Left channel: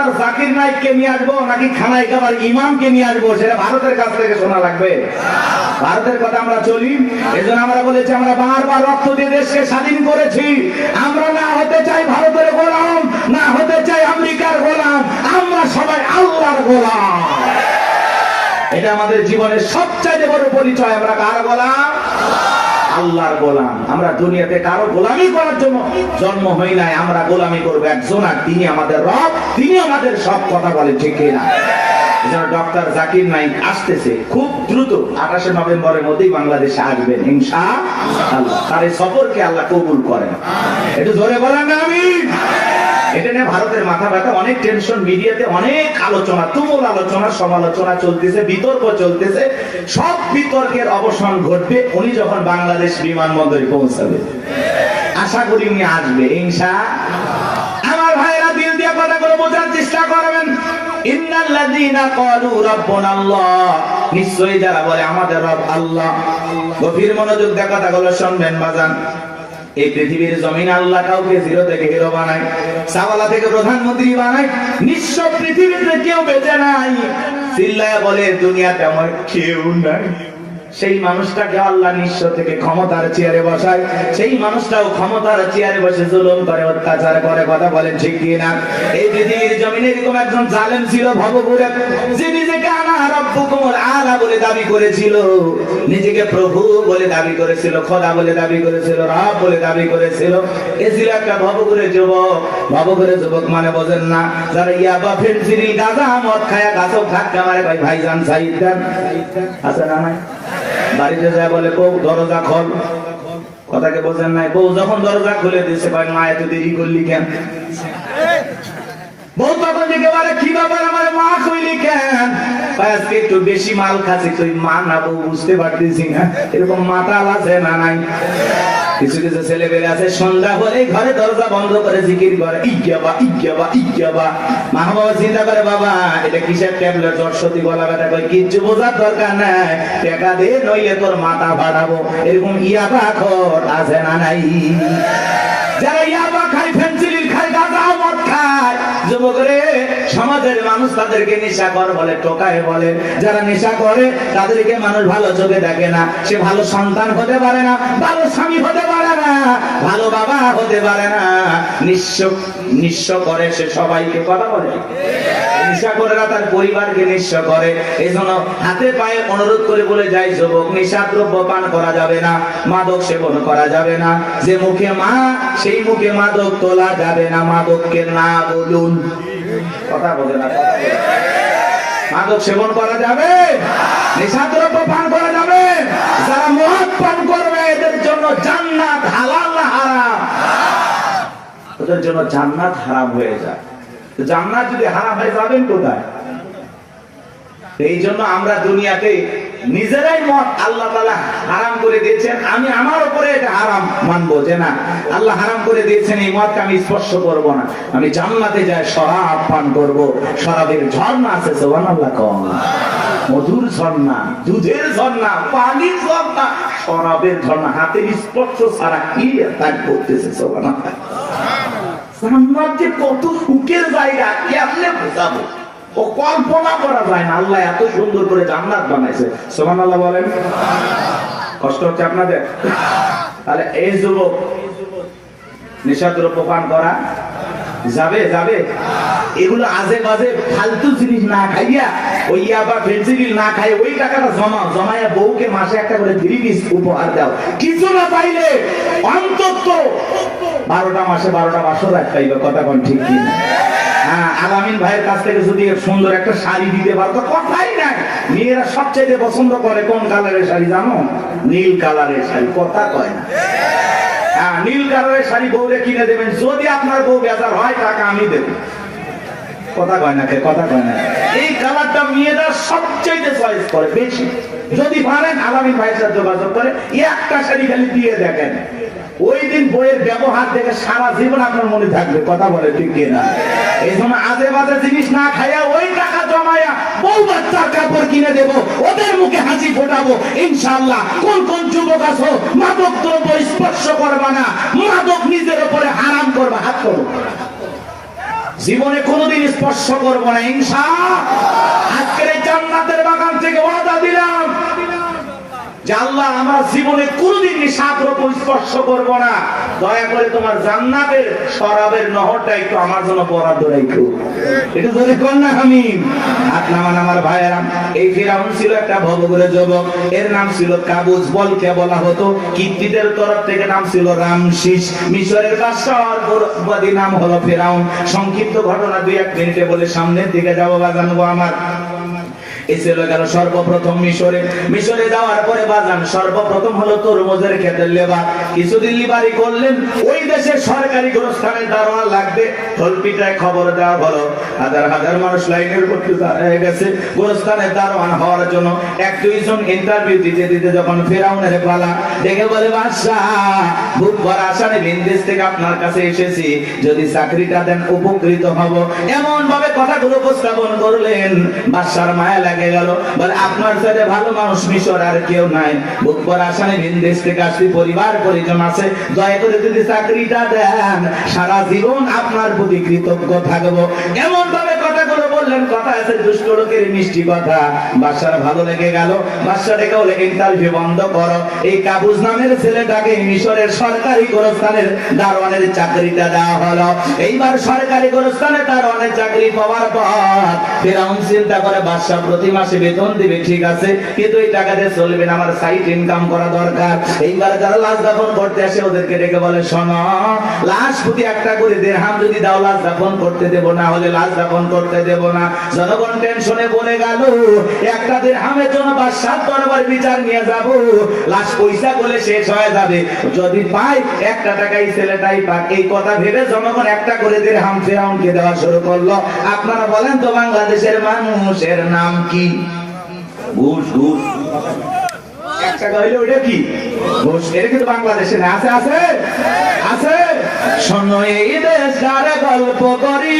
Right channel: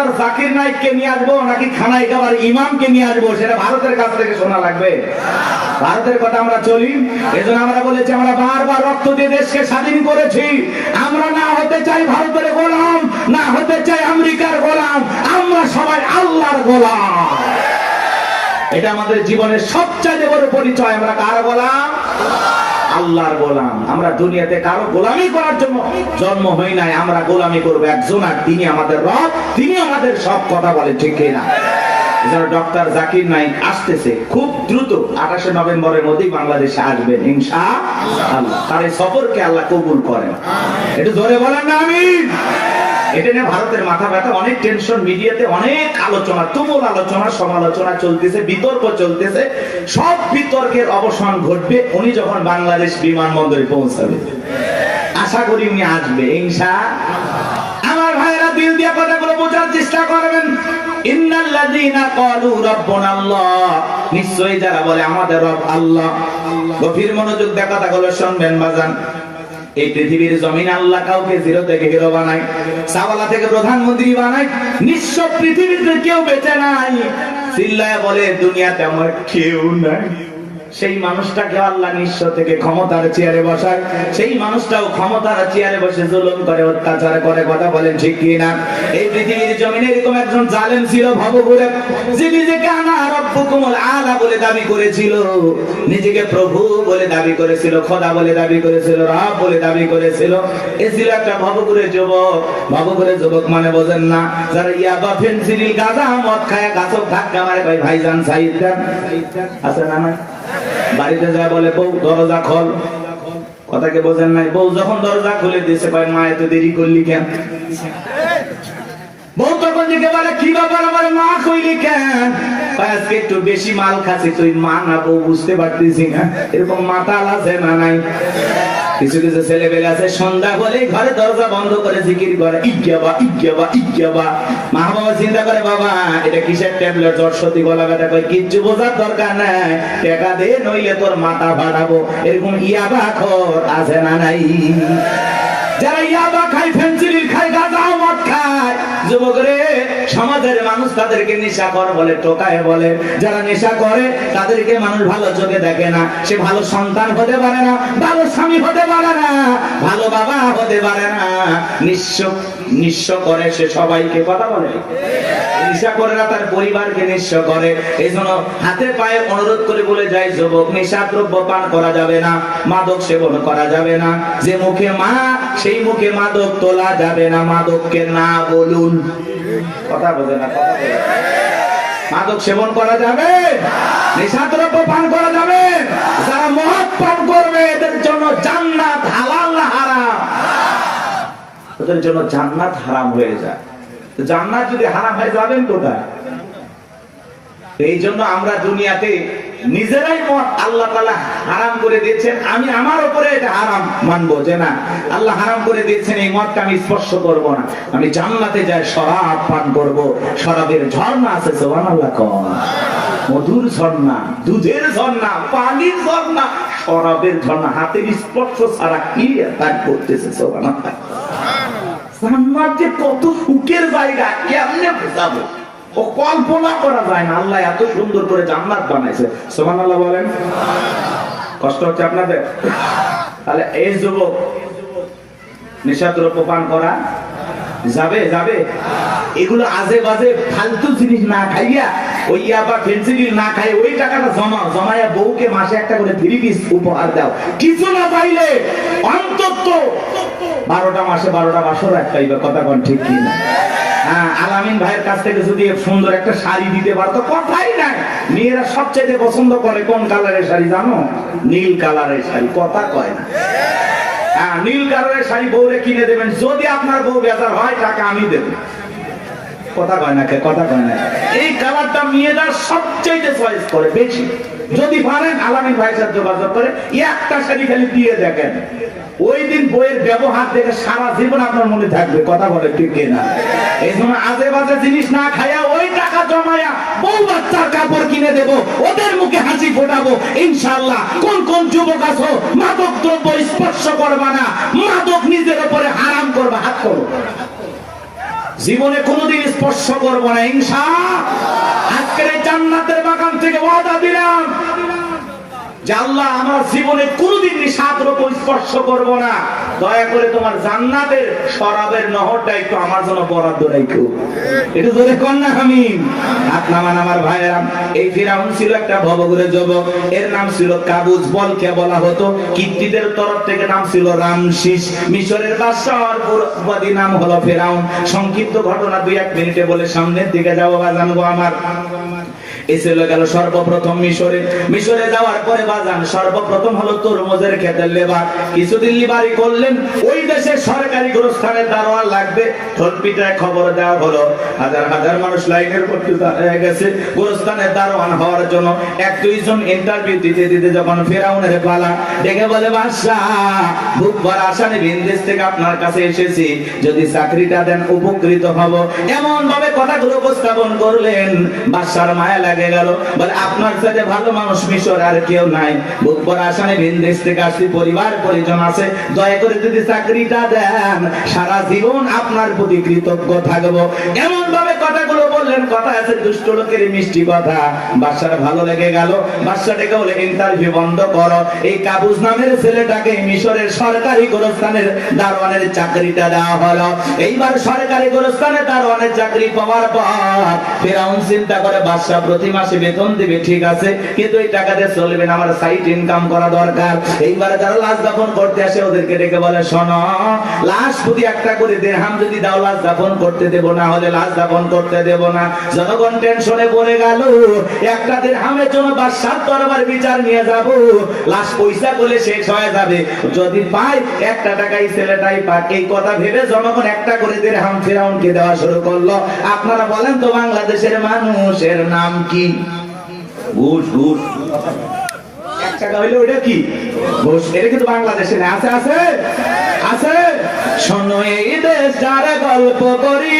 Doctor Zakir নাইককে নিয়ে আসবো নাকি খানায় খাবার ইমামকে নিয়ে আসবো, সেটা ভারতের কাছ থেকে শোনা লাগবে। ভারতের কথা আমরা চলি, এজন্য আমরা বলেছি আমরা বারবার রক্ত দিয়ে দেশকে স্বাধীন করেছি। আমরা না হতে চাই ভারতের গোলাম, না হতে চাই আমেরিকার গোলাম, আমরা সবাই আল্লাহর গোলাম। এটা আমাদের জীবনের সবচেয়ে বড় পরিচয়। আমরা কার গোলাম? আল্লাহর গোলাম। আমরা দুনিয়াতে কারো গোলামি করার জন্য জন্ম হই নাই, আমরা গোলামি করবো একজন, আর তিনি আমাদের রব, তিনি আমাদের সব। কথা বলে ঠিক না? ডক্টর জাকির নাইক আসতেছে খুব দ্রুত, 28 নভেম্বরের মধ্যেই বাংলাদেশে আসবেন ইনশাআল্লাহ। তার এই সফরকে আল্লাহ কবুল করেন। একটু জোরে বলেন না আমিন। এটা নিয়ে ভারতের মাথা ব্যথা, অনেক টেনশন, মিডিয়াতে অনেক আলোচনা, তুমুল আলোচনা, সমালোচনা চলতেছে, বিতর্ক চলতেছে। সব বিতর্কের অবসান ঘটবে উনি যখন বাংলাদেশ বিমানবন্দরে পৌঁছাবে। আশা করি উনি আসবে ইনশাআল্লাহ। আমার ভাইরা দিল দিয়ে কথাগুলো বোঝার চেষ্টা করবেন। ইন্নাল্লাযীনা ক্বালু রাব্বুনাল্লাহ, নিশ্চয়ই যারা বলে আমাদের রব আল্লাহ। গভীর মনোযোগ দিয়ে কথাগুলো শুনবেন বাজান। এই পৃথিবীর জমিনে আল্লাহ কাউকে জিরো থেকে হিরো বানায়, সাওয়ালা থেকে প্রধানমন্ত্রী বানায়। নিঃস্ব পৃথিবীতে কেউ বেঁচে নাই। চিল্লায় বলে দুনিয়াতে আমার কেউ নাই। সেই মানুষটাকে আল্লাহ নিঃস্ব থেকে ক্ষমতার চেয়ারে বসায়, সেই মানুষটাও ক্ষমতার চেয়ারে বসে জুলুম করে, অত্যাচার করে। কথা বলেন ঠিক কি না? এই পৃথিবীর জমিনে এরকম একজন জালেম ছিল ভবঘুরে, যে নিজেকে আনা রব্বুকুমুল আলা বলে দাবি করেছিল, নিজেকে প্রভু বলে দাবি করেছিল, খোদা বলে দাবি করেছিল, রব বলে দাবি করেছিল। এ ছিল একটা ভবঘুরে যুবক। ভবঘুরে যুবক মানে বোঝেন না? যারা ইয়াবা, ফেনসিডিল, গাঁজা, মদ খায়, গাছক ধাক্কা মারে। ভাই ভাইজান সাইদ দেন আছে না? না বাড়িতে যায় বলে বউ দরজা খোল, কথাকে বোঝেন নাই? বউ যখন দরজা খুলে দিয়েছে, ভাই মা এত দেরি করলি কেন? বউ তখন দিকে বলে কি ব্যাপার, আমার মা কইলি কেন? আজকে একটু বেশি মাল খাচ্ছি। তুই মা না বউ বুঝতে পারতেছি না। এরকম মাতাল আছে না নাই? কিছু কিছু ছেলে পেলে আছে সন্ধ্যা হলে ঘরে দরজা বন্ধ করে জিকির করে, ইজ্ঞাবা ইজ্ঞাবা ইজ্ঞাবা। মা বাবা চিন্তা করে বাবা এটা কিসের ট্যাবলেট, জ্বর সর্দি গলা ব্যথা, কই কিচ্ছু বোঝার দরকার নাই, টাকা দে নইলে তোর মাথা ফাটাবো। এরকম ইয়াবা খোর আছে না নাই? যারা ইয়াবা খায়, ফেনসিডিল খায়, গাঁজা মদ খায়, যুবক রে, সমাজের মানুষ তাদেরকে নেশাখোর বলে, টোকায় বলে। যারা নেশা করে তাদেরকে মানুষ ভালো চোখে দেখে না। সে ভালো সন্তান হতে পারে না, ভালো স্বামী হতে পারে না, ভালো বাবা হতে পারে না। নিঃস্ব করে সে সবাইকে। কথা বলে নেশা করে না, তার পরিবারকে নিঃস্ব করে। এই জন্য হাতে পায়ে অনুরোধ করে বলে যায়, যুবক নেশা দ্রব্য পান করা যাবে না, মাদক সেবন করা যাবে না। যে মুখে মা, সেই মুখে মাদক তোলা যাবে না। মাদককে না বলুন। কথা বলে না? মাদক সেবন করা যাবে, নেশা দ্রব্য পান করা যাবে। যারা মদ পান করবে এদের জন্য জান্নাত হালাল না হারাম? ওদের জন্য জান্নাত হারাম হয়ে যায়। জান্নাত যদি হারাম হয়ে যাবেন কোথায়? এই জন্য আমরা দুনিয়াতে নিজেরাই মদ আল্লাহ তাআলা হারাম করে দিয়েছেন। আমি আমার উপরে এটা হারাম মানবো যে না, আল্লাহ হারাম করে দিয়েছেন, এই মদকে আমি স্পর্শ করব না। আমি জান্নাতে যাই শরাব পান করব। শরাবের ঝর্ণা আছে, সুবহানাল্লাহ। কোন মধুর ঝর্ণা, দুধের ঝর্ণা, পানির ঝর্ণা, শরাবের ঝর্ণা। হাতের স্পর্শ ছাড়া কি তার করতেছে? সুবহানাল্লাহ। জান্নাত যে কত সুখের জায়গা, কেমনে বোঝাবো? ও কল্পনা করা যায় না। আল্লাহ এত সুন্দর করে জান্নাত বানাইছে। সুবহানাল্লাহ বলেন। কষ্ট হচ্ছে আপনাদের? তাহলে এই যুবক নেশা দ্রব্য পান করা যাবে? যাবে? এগুলো আজে বাজে ফালতু জিনিস না খাইয়া, ওই ইয়াবা ফেনসিডিল না খাই, ওই টাকাটা জমায়া বউকে মাসে একটা করে 3 পিস উপহার দাও। কিছু না পাইলে অন্তত 12টা মাসে 12টা বছর খাইবা। কথা কোন ঠিক কি না? হ্যাঁ, আলামিন ভাইয়ের কাছ থেকে যদি সুন্দর একটা শাড়ি দিতে পারতো, কথাই নাই। মেয়েরা সবচেয়ে পছন্দ করে কোন কালারের শাড়ি জানো? নীল কালারের শাড়ি। কথা কয় না? হ্যাঁ, নীল কালারের শাড়ি বউরে কিনে দেবেন। যদি আপনার বউ বেজার হয়, টাকা আমি দেব। কথা কয় না? কথা কয় না? এই কালারটা মেয়েরা সবচেয়ে চয়েস করে বেশি। যদি পারেন আলামিন ভাইয়ের সাথে যোগাযোগ করে একটা শাড়ি খালি দিয়ে দেখেন, ওই দিন বইয়ের ব্যবহার দেখে সারা জীবন আপনার মনে থাকবে। কথা বলে ঠিক না? এই জন্য আজে বাজে জিনিস না খাইয়া ওই টাকা জমায়া বউ বাচ্চার কাপড় কিনে দেবো, ওদের মুখে হাসি ফোটাবো ইনশাআল্লাহ। কোন কোন যুবক আছো মাদক দ্রব্য স্পর্শ করবা না, মাদক নিজের উপরে হারাম করবে? হাত করো। জীবনে কোনোদিন স্পর্শ করবো না ইনশাআল্লাহ। আজকের এই জান্নাতের বাগান থেকে ওয়াদা দিলাম যে আল্লাহ আমরা জীবনে কোনোদিন নিশাদ্রব্য স্পর্শ করবো না। দয়া করে তোমার জান্নাতের শরাবের নহরটা একটু আমার জন্য বরাদ্দ রাখো। একটু ধরে কর না আমি আপনার আমার ভাইয়েরা। এই ফিরাউন ছিল একটা ভবঘুরে যুবক, এর নাম ছিল কাবুজ, বলকে বলা হতো। কিপ্তিদের তরফ থেকে নাম ছিল রামসিস। মিশরের বাদশাহর পুরোবাদী নাম হলো ফিরাউন। সংক্ষিপ্ত ঘটনা 2-1 মিনিটে বলে সামনের দিকে যাবো বাজান গো আমার। এই ছিল গেল সর্বপ্রথম মিশরে যাওয়ার পরে বাজান সর্বপ্রথম হলো তরমুজের ক্ষেতের লেবার। কিছুদিন লিবারি করলেন, ওই দেশের সরকারি গোরস্থানের দারোয়ান লাগবে। ঢোলপিটায় খবর দেওয়া হলো, হাজার হাজার মানুষ লাইনের ভর্তি হয়ে গেছে গোরস্থানের দারোয়ান হওয়ার জন্য। 1-2 জন ইন্টারভিউ দিতে দিতে যখন ফেরাউনের পালা, দেখে বলে বাদশাহ খুব বড় আসামে বিদেশ থেকে আপনার কাছে এসেছি, যদি চাকরিটা দেন উপকৃত হব। এমন ভাবে কথাগুলো উপস্থাপন করলেন, বাদশার মায়া লাগে গেল। বলে আপনার সাথে ভালো মানুষ মিশর আর কেউ নাই, বুক ভরা আসামে বিদেশ থেকে আসছি, পরিবার পরিজন আছে, দয়া করে যদি চাকরিটা দেন সারা জীবন আপনার প্রতি কৃতজ্ঞ থাকবো। এমন ভাবে কথাগুলো বললেন, কথা আছে দুষ্ট লোকের মিষ্টি কথা। বাদশার ভালো লেগে গেল। বাদশা ডেকে বলে ইন্টারভিউ বন্ধ করো, এই কাবুজ নামের ছেলেটাকে মিশরের সরকারি গোরস্থানের দারোয়ানের চাকরিটা দেওয়া হলো। এইবার সরকারি গোরস্থানের দারোয়ানের চাকরি পাওয়ার পর ফেরাউন চিন্তা করে বাদশা প্রতি মাসে বেতন দিবে, ঠিক আছে, কিন্তু এই টাকা দিয়ে চলবে না, আমার সাইড ইনকাম করা দরকার। এইবার যারা লাশ দাফন করতে আসে ওদেরকে ডেকে বলে, শোনো, লাশ প্রতি 1টা করে দিরহাম যদি দাও লাশ দাফন করতে দেব, না হলে লাশ দাফন করতে দেব না। জনগণ টেনশনে পড়ে গেল, 1টা দিরহামের জন্য বাদশার দরবার বিচার নিয়ে যাব, লাশ পয়সা বলে শেষ হয়ে যাবে, যদি পাই 1টা টাকাই ছেলেটাই পাক। এই কথা ভেবে জনগণ 1টা করে দিরহাম ফেরাউনকে দেওয়া শুরু করলো। আপনারা বলেন তো বাংলাদেশের মানুষের নাম কি? ঘুষ। 1 টাকা হইলে ওটা কি ঘুষ? এটা কিন্তু বাংলাদেশে আছে আছে আছে। শোনো এই দেশটার গল্প করি,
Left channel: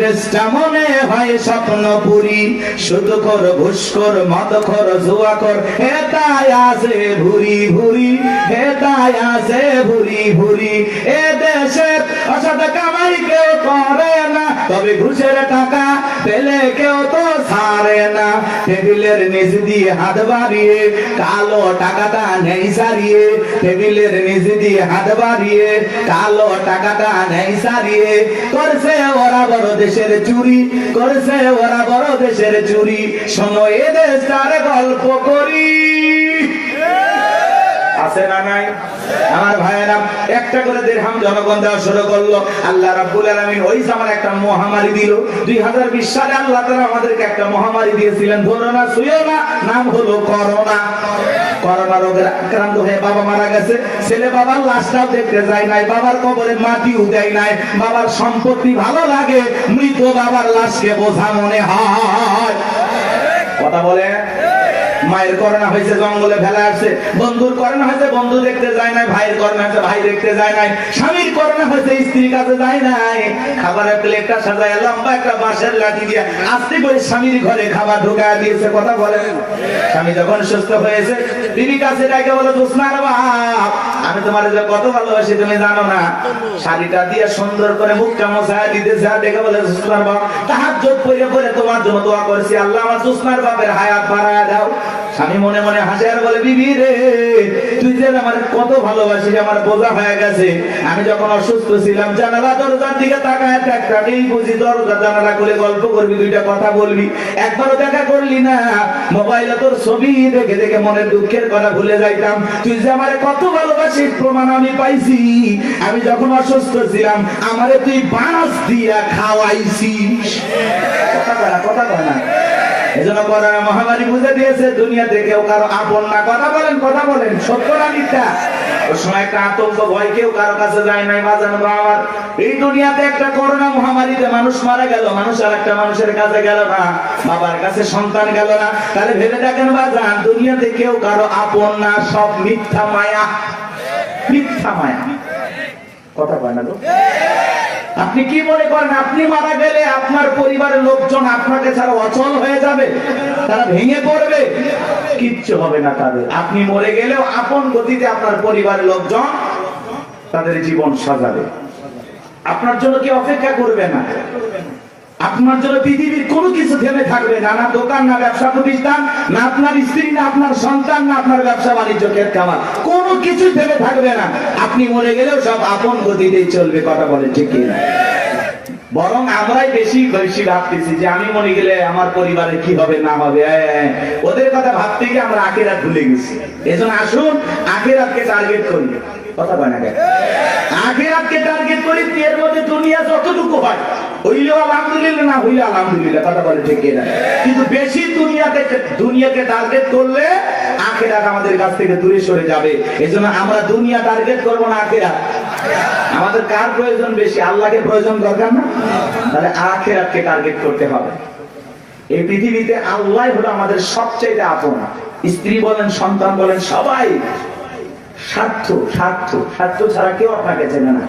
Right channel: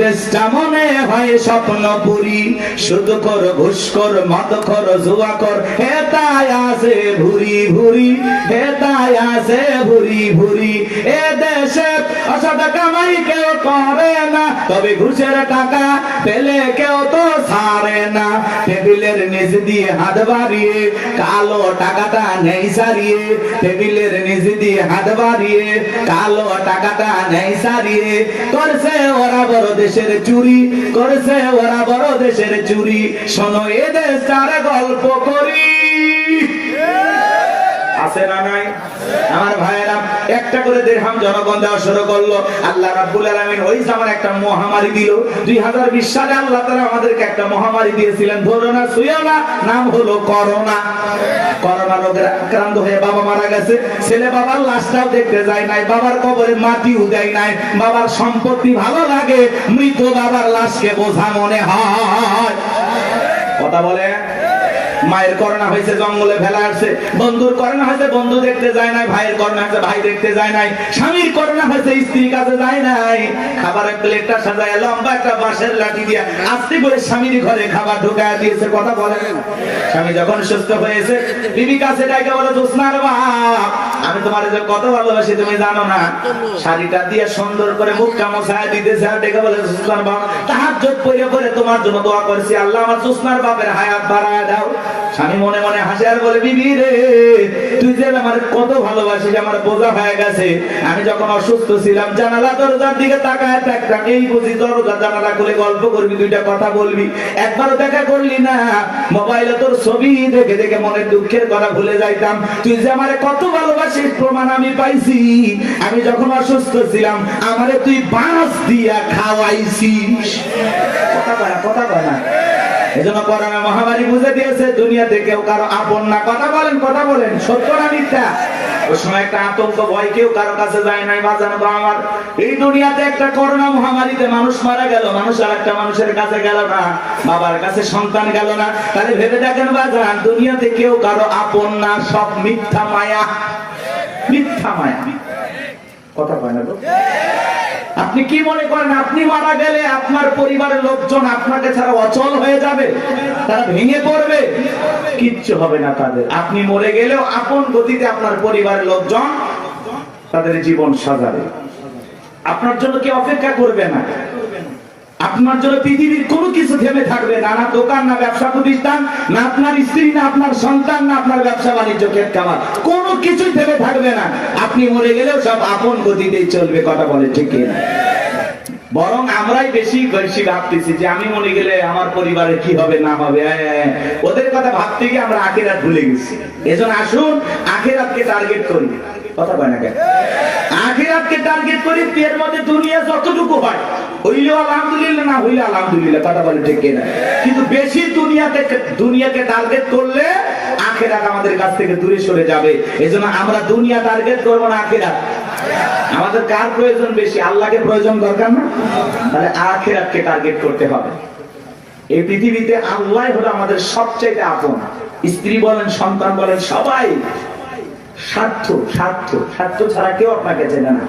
দেশটা মনে হয় স্বপ্নপুরী, শুধু কর ঘুষ কর মদ কর জুয়া কর, হেতায় আছে ভুরি ভুরি, হেতায় আছে ভুরি ভুরি। এ দেশে অসৎ কামাই কেউ করে না, তবে ঘুষের টাকা পেলে কেউ তো ছাড়ে না। টেবিলের নিচ দিয়ে হাত বাড়িয়ে কালো টাকাটা নেই সারিয়ে, টেবিলের নিচ দিয়ে হাত বাড়িয়ে কালো টাকাটা নেই সারিয়ে, করছে ওরা বড় দেশের চুরি, করছে ওরা বড় দেশের চুরি। শোনো এ দেশটার গল্প করি, আছে না নাই? আমার ভাইয়েরা 1টা করে দিরহাম জনগণ দেওয়া শুরু করলো। আল্লাহ রাব্বুল আলামিন ওই সময় একটা মহামারী দিল। 2020 সালে আল্লাহ তাআলা আমাদেরকে একটা মহামারী দিয়েছিলেন, ধরো না ছুঁয়ো না, নাম হলো করোনা। করোনা রোগে আক্রান্ত হয়ে বাবা মারা গেছে, ছেলে বাবার লাশটাও দেখতে যায় নাই, বাবার কবরে মাটিও দেয় নাই। বাবার সম্পত্তি ভালো লাগে, মৃত বাবার লাশকে বোঝা মনে হয়। কথা বলে। মায়ের করোনা হয়েছে, জঙ্গলে ফেলা আসছে। বন্ধুর করোনা হয়েছে, বন্ধু দেখতে যায় নাই। ভাইয়ের করোনা হয়েছে, ভাই দেখতে যায় নাই। স্বামীর করোনা হয়েছে, স্ত্রীর কাছে যায় নাই। খাবারের প্লেটটা সাজায় লম্বা একটা বাঁশের লাঠি দিয়ে আস্তে করে স্বামীর ঘরে খাবার ঢোকায় দিয়েছে। কথা বলেন। স্বামী যখন সুস্থ হয়েছে, বিবি কাছে ডাকে বলে, জোসনার বাপ, আমি তোমার যে কত ভালোবাসি তুমি জানো না। শাড়িটা দিয়ে সুন্দর করে মুখটা মোছায় দিতেছে, আর ডেকে বলে, জোসনার বাপ, তাহাজ্জুদ পড়ে পড়ে তোমার জন্য দোয়া করছি, আল্লাহ আমার জোসনার বাপের হায়াত বাড়ায় দাও। স্বামী মনে মনে হাসে আর বলে, বিবি রে, তুই যে আমার কত ভালোবাসিস, আমার বোঝা হয়ে গেছে। আমি যখন অসুস্থ ছিলাম, জানালা দরজার দিকে তাকায় একটা এই বুঝি দরজা জানালা করে গল্প করবি, 2টা কথা বলবি, একবারও দেখা করলি না। মোবাইলে তোর ছবি দেখে দেখে মনের দুঃখের কথা ভুলে যাইতাম। তুই যে আমার কত ভালোবাসিস প্রমাণ আমি পাইছি। আমি যখন অসুস্থ ছিলাম, আমারে তুই বাঁশ দিয়া খাওয়াইছিস। কথা বলা এজন্য করোনা মহামারী বুঝে দিয়েছে, দুনিয়াতে কেউ কারো আপন না। কথা বলেন, সত্য না মিথ্যা? ওই সময় একটা আতঙ্ক, ভয়, কেউ কারো কাছে যায় নাই। বাজানো আমার এই দুনিয়াতে একটা করোনা মহামারীতে মানুষ মারা গেল, মানুষ আর একটা মানুষের কাছে গেল না, বাবার কাছে সন্তান গেল না। তাহলে ভেবে দেখেন বাজান, দুনিয়াতে কেউ কারো আপন না, সব মিথ্যা মায়া, মিথ্যা মায়া। কথা বলে না? আপনি কি মনে করেন আপনি মারা গেলে আপনার পরিবারের লোকজন আপনাকে ছাড়া অচল হয়ে যাবে, তারা ভেঙে পড়বে? কিচ্ছু হবে না তাদের। আপনি মরে গেলেও আপন গতিতে আপনার পরিবারের লোকজন তাদের জীবন সাজাবে, আপনার জন্য কি অপেক্ষা করবে না? আপনার জন্য পৃথিবীর কোনো কিছু থেমে থাকবে না, না দোকান, না ব্যবসা প্রতিষ্ঠান, না আপনার স্ত্রী, না আপনার সন্তান, না আপনার ব্যবসা বাণিজ্য, ক্ষেত খামার, কোনো কিছুই থেমে থাকবে না। আপনি মরে গেলেও সব আপন গতিতেই চলবে। কথা বলে ঠিক না? বরং আমরাই বেশি বেশি ভাবতেছি যে আমি মরে গেলে আমার পরিবারে কি হবে না হবে। ওদের কথা ভাবতে গিয়ে আমরা আখিরাত ভুলে গেছি। এজন্য আসুন আখিরাতকে টার্গেট করি। কথা বলে না কেন? আখিরাতকে টার্গেট করি। এর মধ্যে দুনিয়া যতটুকু হয় হইলেও আলহামদুলিল্লাহ, না হইলে আলহামদুলিল্লাহ। কথা বলে ঠিক না? কিন্তু বেশি দুনিয়াকে টার্গেট করলে আখিরাত আমাদের কাছ থেকে দূরে সরে যাবে। এজন্য আমরা দুনিয়া টার্গেট করবো না, আখিরাত। আমাদের কার প্রয়োজন বেশি? আল্লাহকে প্রয়োজন দরকার না? তাহলে আখিরাতকে টার্গেট করতে হবে। এই পৃথিবীতে আল্লাহ হলো আমাদের সবচেয়ে আপন। স্ত্রী বলেন, সন্তান বলেন, সবাই স্বার্থ স্বার্থ স্বার্থ ছাড়া কেউ আপনাকে চেনে না।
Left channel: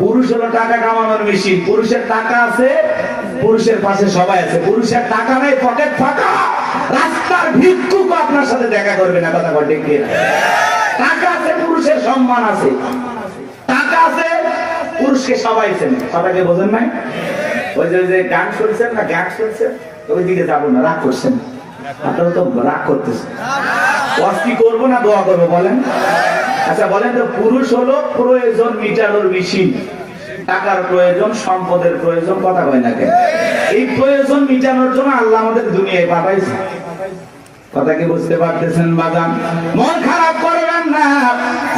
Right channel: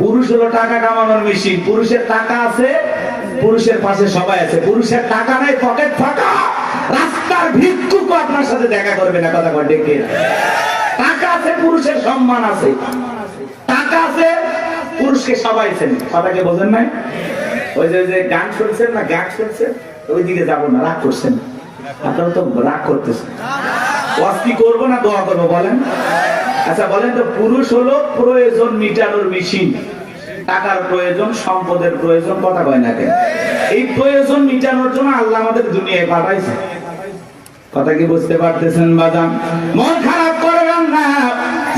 পুরুষ হলো টাকা কামানোর মেশিন। পুরুষের টাকা আছে, পুরুষের পাশে সবাই আছে। পুরুষের টাকা নেই, পকেট ফাঁকা, রাস্তার ভিক্ষুক আপনার সাথে দেখা করবে না। কথা বলে ঠিক না? টাকা আছে, পুরুষের সম্মান আছে। টাকা আছে, পুরুষকে সবাই চেনে। কথাকে বোঝেন নাই? ওই যে গান শুনছেন না, গান শুনছেন, ওইদিকে যাবো না, রাগ করছেন। আপনারা তো রাগ করতেছেন। কি করবো না দোয়া করবো বলেন? আচ্ছা বলেন তো, পুরুষ হলো প্রয়োজন মিটানোর মেশিন। টাকার প্রয়োজন, সম্পদের প্রয়োজন। কথা কয় না কেন? এই প্রয়োজন মিটানোর জন্য আল্লাহ আমাদের দুনিয়ায় পাঠাইছে। কথা কি বুঝতে পারতেছেন বাজান? মন খারাপ করবেন না।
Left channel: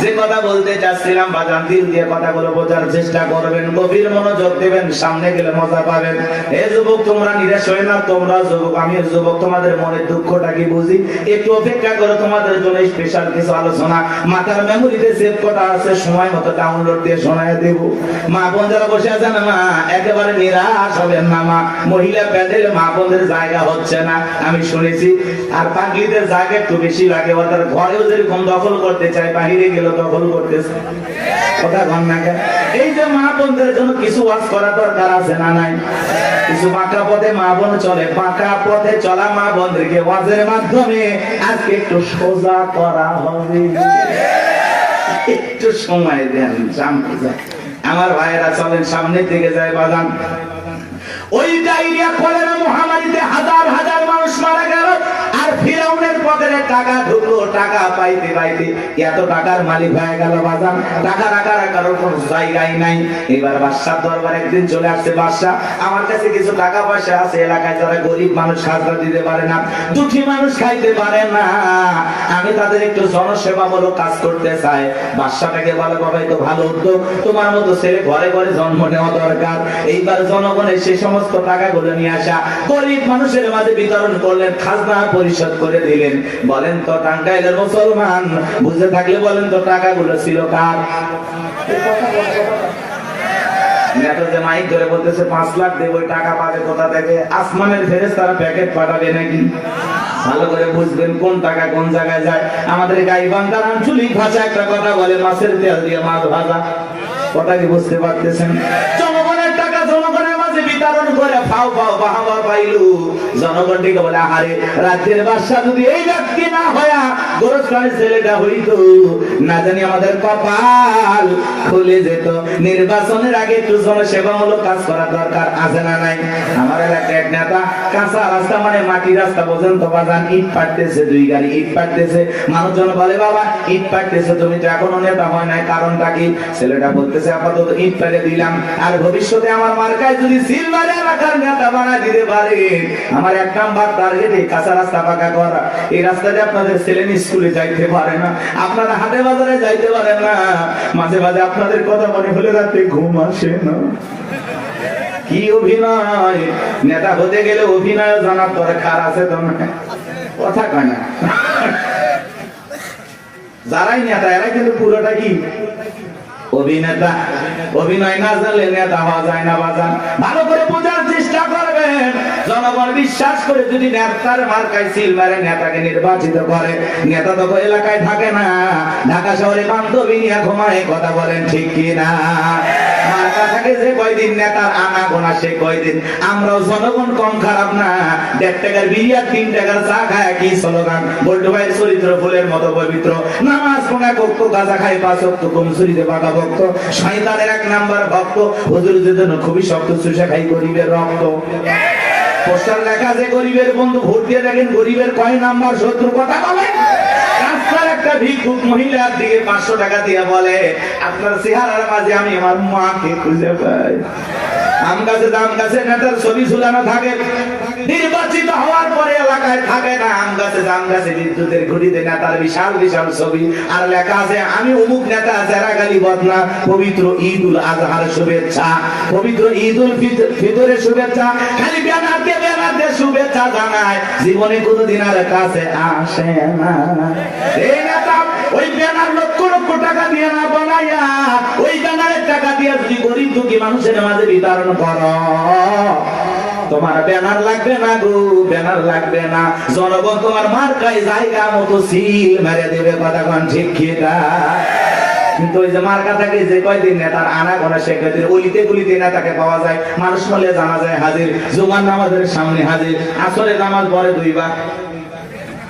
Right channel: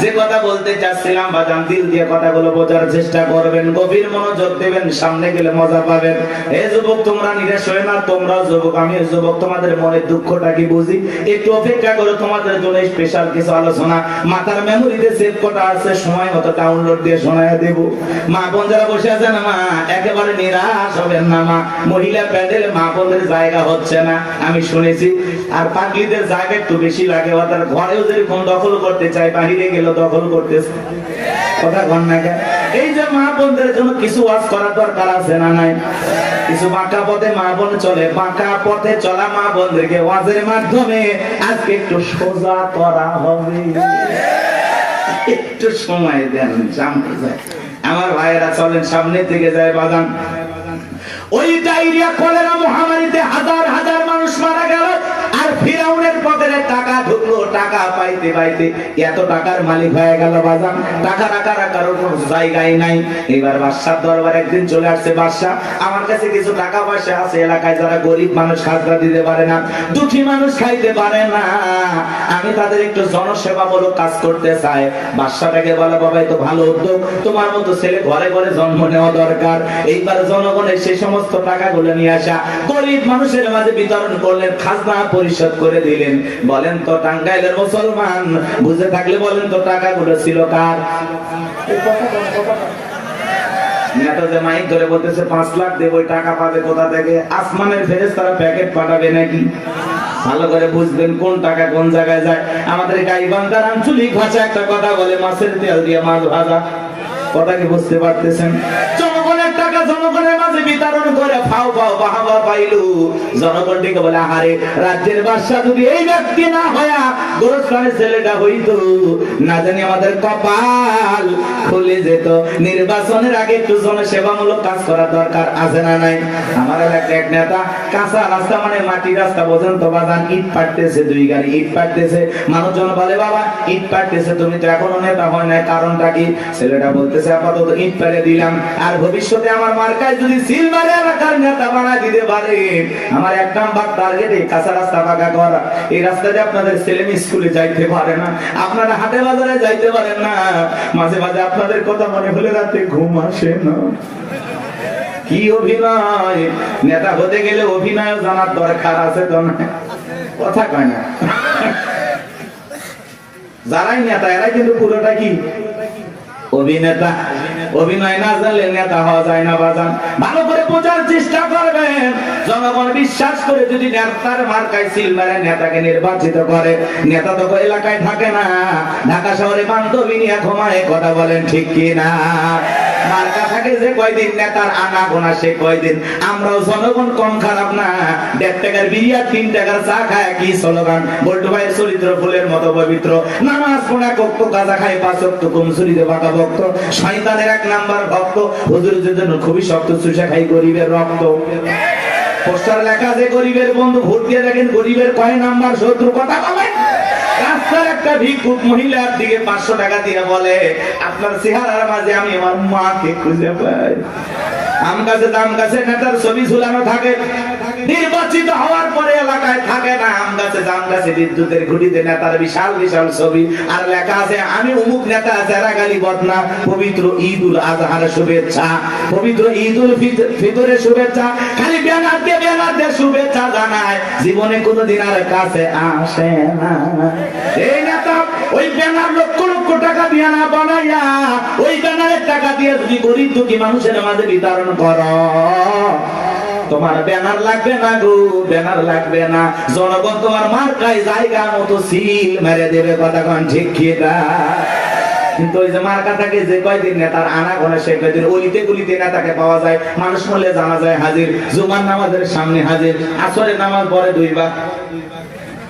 যে কথা বলতে চাচ্ছিলাম বাজান, দিল দিয়ে কথাগুলো বোঝার চেষ্টা করবেন, গভীর মনোযোগ দেবেন, সামনে গেলে মজা পাবেন। এ যুবক, তোমরা নিরাশ হয়ে না। তোমরা যুবক, আমিও যুবক, তোমাদের মনের দুঃখটা কি বুঝি। একটু অপেক্ষা করো, তোমাদের জন্য স্পেশাল কিছু আলোচনা মাথার মেমোরিতে সেভ করা আছে, সময় মতো ডাউনলোড দিয়ে শোনায় দেব। মা বোন যারা বসে আছে না, মা একেবারে নিরাশ হবেন না। মা মহিলা প্যাডেলে মা বোনদের জায়গা হচ্ছে না, আমি শুনেছি। আর পাগলিদের জায়গা একটু বেশি লাগে। ওদের ঘরেও যেরকম দখল করতে চায়, বাহিরে গেলে দখল করতেছে। কথা বল না কেন? এই যে মা বোনদের জন্য কিছু ওয়াজ করা দরকার আছে না নাই? কিছু বাঁকা পথে মা বোন চলে, বাঁকা পথে চলা মা বোনদেরকে ওয়াজের মাধ্যমে আজকে একটু সোজা করা হবে। একটু সময় দেন, সামনে যায়। আমার ভাইরা চলেন, সামনে থেকে যায় বাগান। ওই ডায়রিয়া কলেরা মহামারীতে হাজার হাজার মানুষ মারা গেল। আর ফিরাউনের পকেটে টাকা ঢুকলো। টাকা পাইতে পাইতে এত টাকার মালিক হয়ে গেল বাজান। টাকা টাকার কারোর কোনো জায়গায় নাই। এবার বাদশার দরবার একদিন চলে আসছে। বাদশা, আমার কাছে কিছু টাকা পয়সা আছে। এলাকায় যারা গরিব মানুষ খাজনা দিতে পারে না, দুঃখী মানুষ খাইতে পারে না, আমি তাদের একটু জনসেবামূলক কাজ করতে চাই। বাদশাটাকে বলে, বাবা তো ভালো উদ্যোগ, তোমার মতো ছেলে ঘরে ঘরে জন্ম নেওয়া দরকার। এইবার জনগণের সেই সমস্ত টাকাগুলো নিয়ে আসা, গরিব মানুষের মাঝে বিতরণ করলেন, খাজনা পরিশোধ করে দিলেন। বলেন তো টাঙ্গাইলের মুসলমান, বুঝে থাকলে বলেন তো টাকাগুলো ছিল কার? মাইক ধরে বলতেছে 5 লাখ দেব, টাকা পাবে কোথা থেকে? আসমানের ফেরেশতারা প্যাকেট পাঠাবে নাকি? ভালো করে বুঝবেন কোন টাকা কোন জায়গায় যায়। আমাদের গাইবান্ধার আঞ্চলিক ভাষা একটা কথা বলে, মাছের তেল দিয়ে মাছ ভাজা। কথা কি বুঝতে পারতেছেন? জনগণের টাকা জনগণের মাঝে বিতরণ করে ফাও ফাও বাহাবা পাইলু। জনগণ দিকে বলে, আরে রাজ্যের বাদশা যদি এই ব্যক্তি না হয়া গোরস্থানের ছেলেটা হইতো, না জানি আমাদের কপাল খুলে যেত। নির্বাচনের আগে একটু জনসেবামূলক কাজ করা দরকার আছে না নাই? আমার এলাকার নেতা কাঁচা রাস্তা মানে মাটি রাস্তা, বোঝেন তো বাজান, ইট পাড়তেছে, 2 গাড়ি ইট পাড়তেছে। মানুষজন বলে, বাবা ইট পাড়তেছে, তুমি তো এখনো নেতা হয় নাই, কারণটা কি? ছেলেটা বলতেছে, আপাতত ইট পেরে দিলাম, আর ভবিষ্যতে আমার মার্কায় যদি সিলভারে এলাকার নেতা বানায় দিতে পারে, আমার 1 নাম্বার টার্গেট এই কাঁচা রাস্তা পাকা করা। এই রাস্তাতে আপনাদের ছেলে স্কুলে যাইতে পারে না, আপনারা হাটে বাজারে যাইতে পারেন না, মাঝে মাঝে আপনাদের কথা মনে হলে রাতে ঘুম আসে না। কি অভিনয়! নেতা হতে গেলে অভিনয় জানার দরকার আছে তো না? কথা কয় না। যারাই নেতা এরাই কিন্তু পুরোটা কি অভিনেতা। অভিনয় না জানলে নেতা হওয়া যায় না বাজান। ভালো করে বোঝার চেষ্টা করবেন। জনগণ বিশ্বাস করে যদি নেতার মার্কায় সিল মারে, নেতাকে নির্বাচিত করে, নেতা তো এলাকায় থাকে না, ঢাকা শহরে বান্ধবী নিয়ে ঘুমায়। কথা বলেন ঠিক কিনা? মার্কা থাকে যে কয়দিন নেতার আনা গোনা সে কয়দিন। আমরাও জনগণ কম খারাপ না, 1.5 টাকার বিরিয়ার 3 টাকার চা খায় কি স্লোগান, বল্টু ভাইয়ের চরিত্র ফুলের মতো পবিত্র, নামাজ পড়া কক্ষ কাজা খায় 5 ওয়াক্ত কম শরীরে বাঁকা ভক্ত, শয়তানের 1 নাম্বার ভক্ত, হুজুরের জন্য খুবই শক্ত চুষা খাই গরিবের রক্ত। পোস্টার লেখা যে গরিবের বন্ধু, ভোট দিয়ে দেখেন গরিবের কয় নাম্বার শত্রু, কথা বলে। রাস্তার একটা ভিক্ষুক মহিলার দিকে 500 টাকা দিয়ে বলে, আপনার চেহারার মাঝে আমি আমার মাকে খুঁজে পাই। আম গাছে নেতার ছবি ঝুলানো থাকে, নির্বাচিত হওয়ার পরে এলাকায় থাকে না। আম গাছে বিদ্যুতের ঘুড়িতে নেতার বিশাল বিশাল ছবি, আর লেখা আছে আমি অমুক নেতা, যারা গালি বদনা, পবিত্র ঈদ উল আজহার শুভেচ্ছা, পবিত্র ঈদ উল ফিতরের শুভেচ্ছা, খালি ব্যানার দিয়ে শুভেচ্ছা জানায়, জীবনে কোনোদিন আর কাছে আসে না। এই নেতা ওই ব্যানার লক্ষ লক্ষ টাকা দিয়ে না বানাইয়া, ওই ব্যানারের টাকা দিয়ে যদি গরিব দুঃখী মানুষের মাঝে বিতরণ করো, তোমার ব্যানার লাগবে না গো, ব্যানার লাগবে না। জনগণ তোমার মার্কায় জায়গা মতো সিল মেরে দেবে, কথা কান ঠিক খেয়ে দেয়। কিন্তু ওই যে মার্কা থাকে যে কয়দিন নেতার আনা গোনা সে কয়দিন, অলিতে গলিতে নেতাকে পাওয়া যায়। মানুষ হলে জানা যায় হাজির, জুমার নামাজের সামনে হাজির, আসরের নামাজ পরে 2 বার,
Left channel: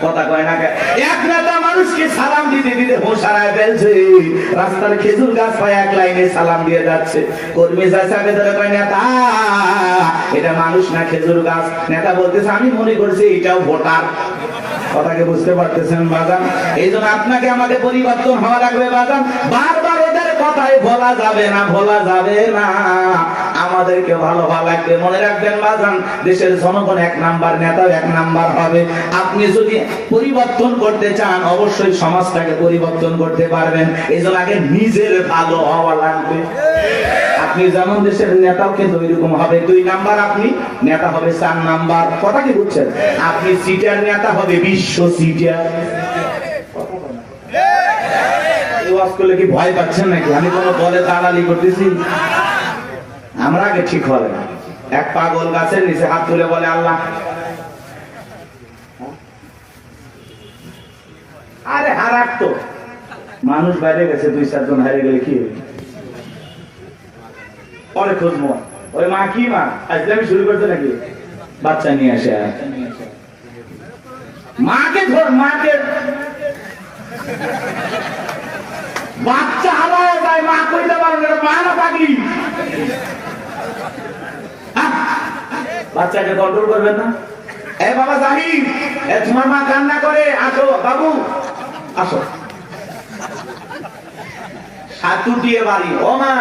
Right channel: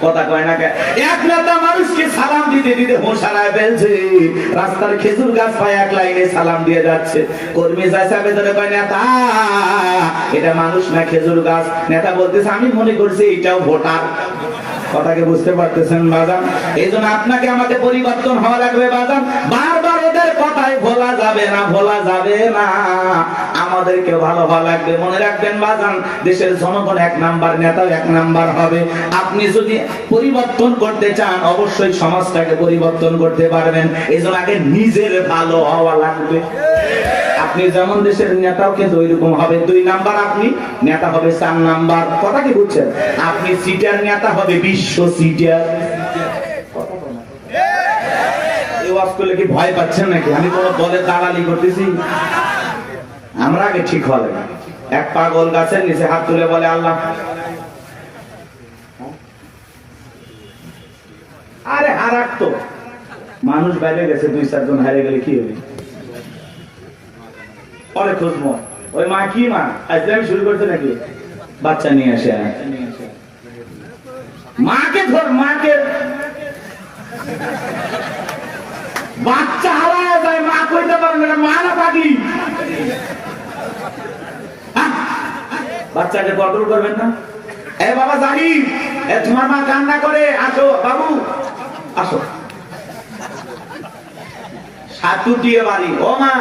কথা কয় না। এক নেতা মানুষকে সালাম দিতে দিতে হোশ হারায় ফেলছে, রাস্তার খেজুর গাছ পায় 1 লাইনে সালাম দিয়ে যাচ্ছে। কর্মী চাচা ভেতরে কয় নেতা এটা মানুষ না খেজুর গাছ। নেতা বলতেছে আমি মনে করছি এটাও ভোটার। কথাকে বুঝতে পারতেছেন বাজান? এই জন্য আপনাকে আমাদের পরিবর্তন হওয়া লাগবে বাজান। বারবার ওদের কথাই বলা যাবে না, বলা যাবে না। আমাদেরকে ভালো লাগবে। মনে রাখবেন বাজান, দেশের জনগণ 1 নাম্বার, নেতা 1 নাম্বার হবে। আপনি যদি পরিবর্তন করতে চান, অবশ্যই সমাজটাকে পরিবর্তন করতে পারবেন। এই জন্য আগে নিজের ভালো হওয়া লাগবে। আপনি যেমন দেশের নেতাও কিন্তু ওইরকম হবে। 2 নাম্বার আপনি, নেতা হবে 4 নাম্বার। কথা কি বুঝছেন? আপনি সিটার, নেতা হবে বিশ্ব সিটার। কি ভয় পাচ্ছেন নাকি? আমি কোন দলে দালালি করতেছি? আমরা আগে ঠিক হবে। এক পাগল গাছের নিচে হাত তুলে বলে আল্লাহ, আরে হারাক তো মানুষ বেড়ে গেছে, 2-4 জন হারিয়ে গেলে কি হবে? পরে খুঁজবো ওই মা কি মা আজলামি শুরু করতে নাকি, বাচ্চা নিয়ে আসে, মাকে ধর, মাকে বাচ্চা হারায় যায়, মা কইতে পারেন না, মা না পাগলি। বাচ্চাকে কন্ট্রোল করবেন না। এ বাবা জাহিদ, তোমার মা কান্না করে, আসো বাবু আসো। সাতুটিয়ে বাড়ি, ও মা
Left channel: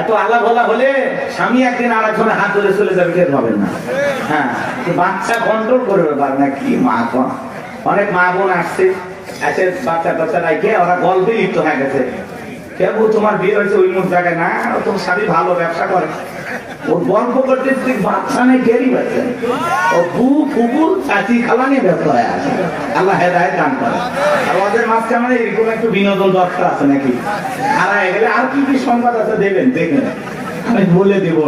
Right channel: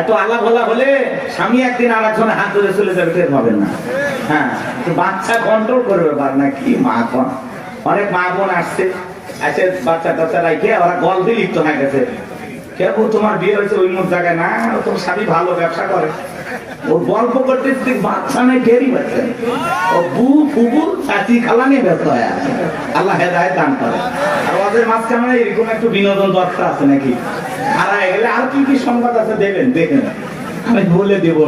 এত আল্লাহ বলা হলে স্বামী একদিন আর একজনের হাত ধরে চলে যাবে, টের পাবেন না। হ্যাঁ, বাচ্চা কন্ট্রোল করবে না কি মা। অনেক মা বোন আসছে, এসে বাচ্চা টাচ্চা রাখে ওরা গল্পে লিপ্ত হয়ে গেছে। কেউ তোমার বিয়ে হয়েছে ওই মুখ জায়গায় না, তোমার স্বামী ভালো ব্যবসা করে, ও গল্প করতে বাচ্চা নেই, টেরই পাচ্ছে। ও বু ফুবু চাচি খালা নিয়ে ব্যস্ত হয়ে আছে। আল্লাহ হেদায়েত দান করে। আর ওদের মাঝখানে মানে এরকম একটু বিনোদন দরকার আছে নাকি? হারায় গেলে আর কি কি সংবাদ আছে দেবেন, দেখেন আমি বলে দেব।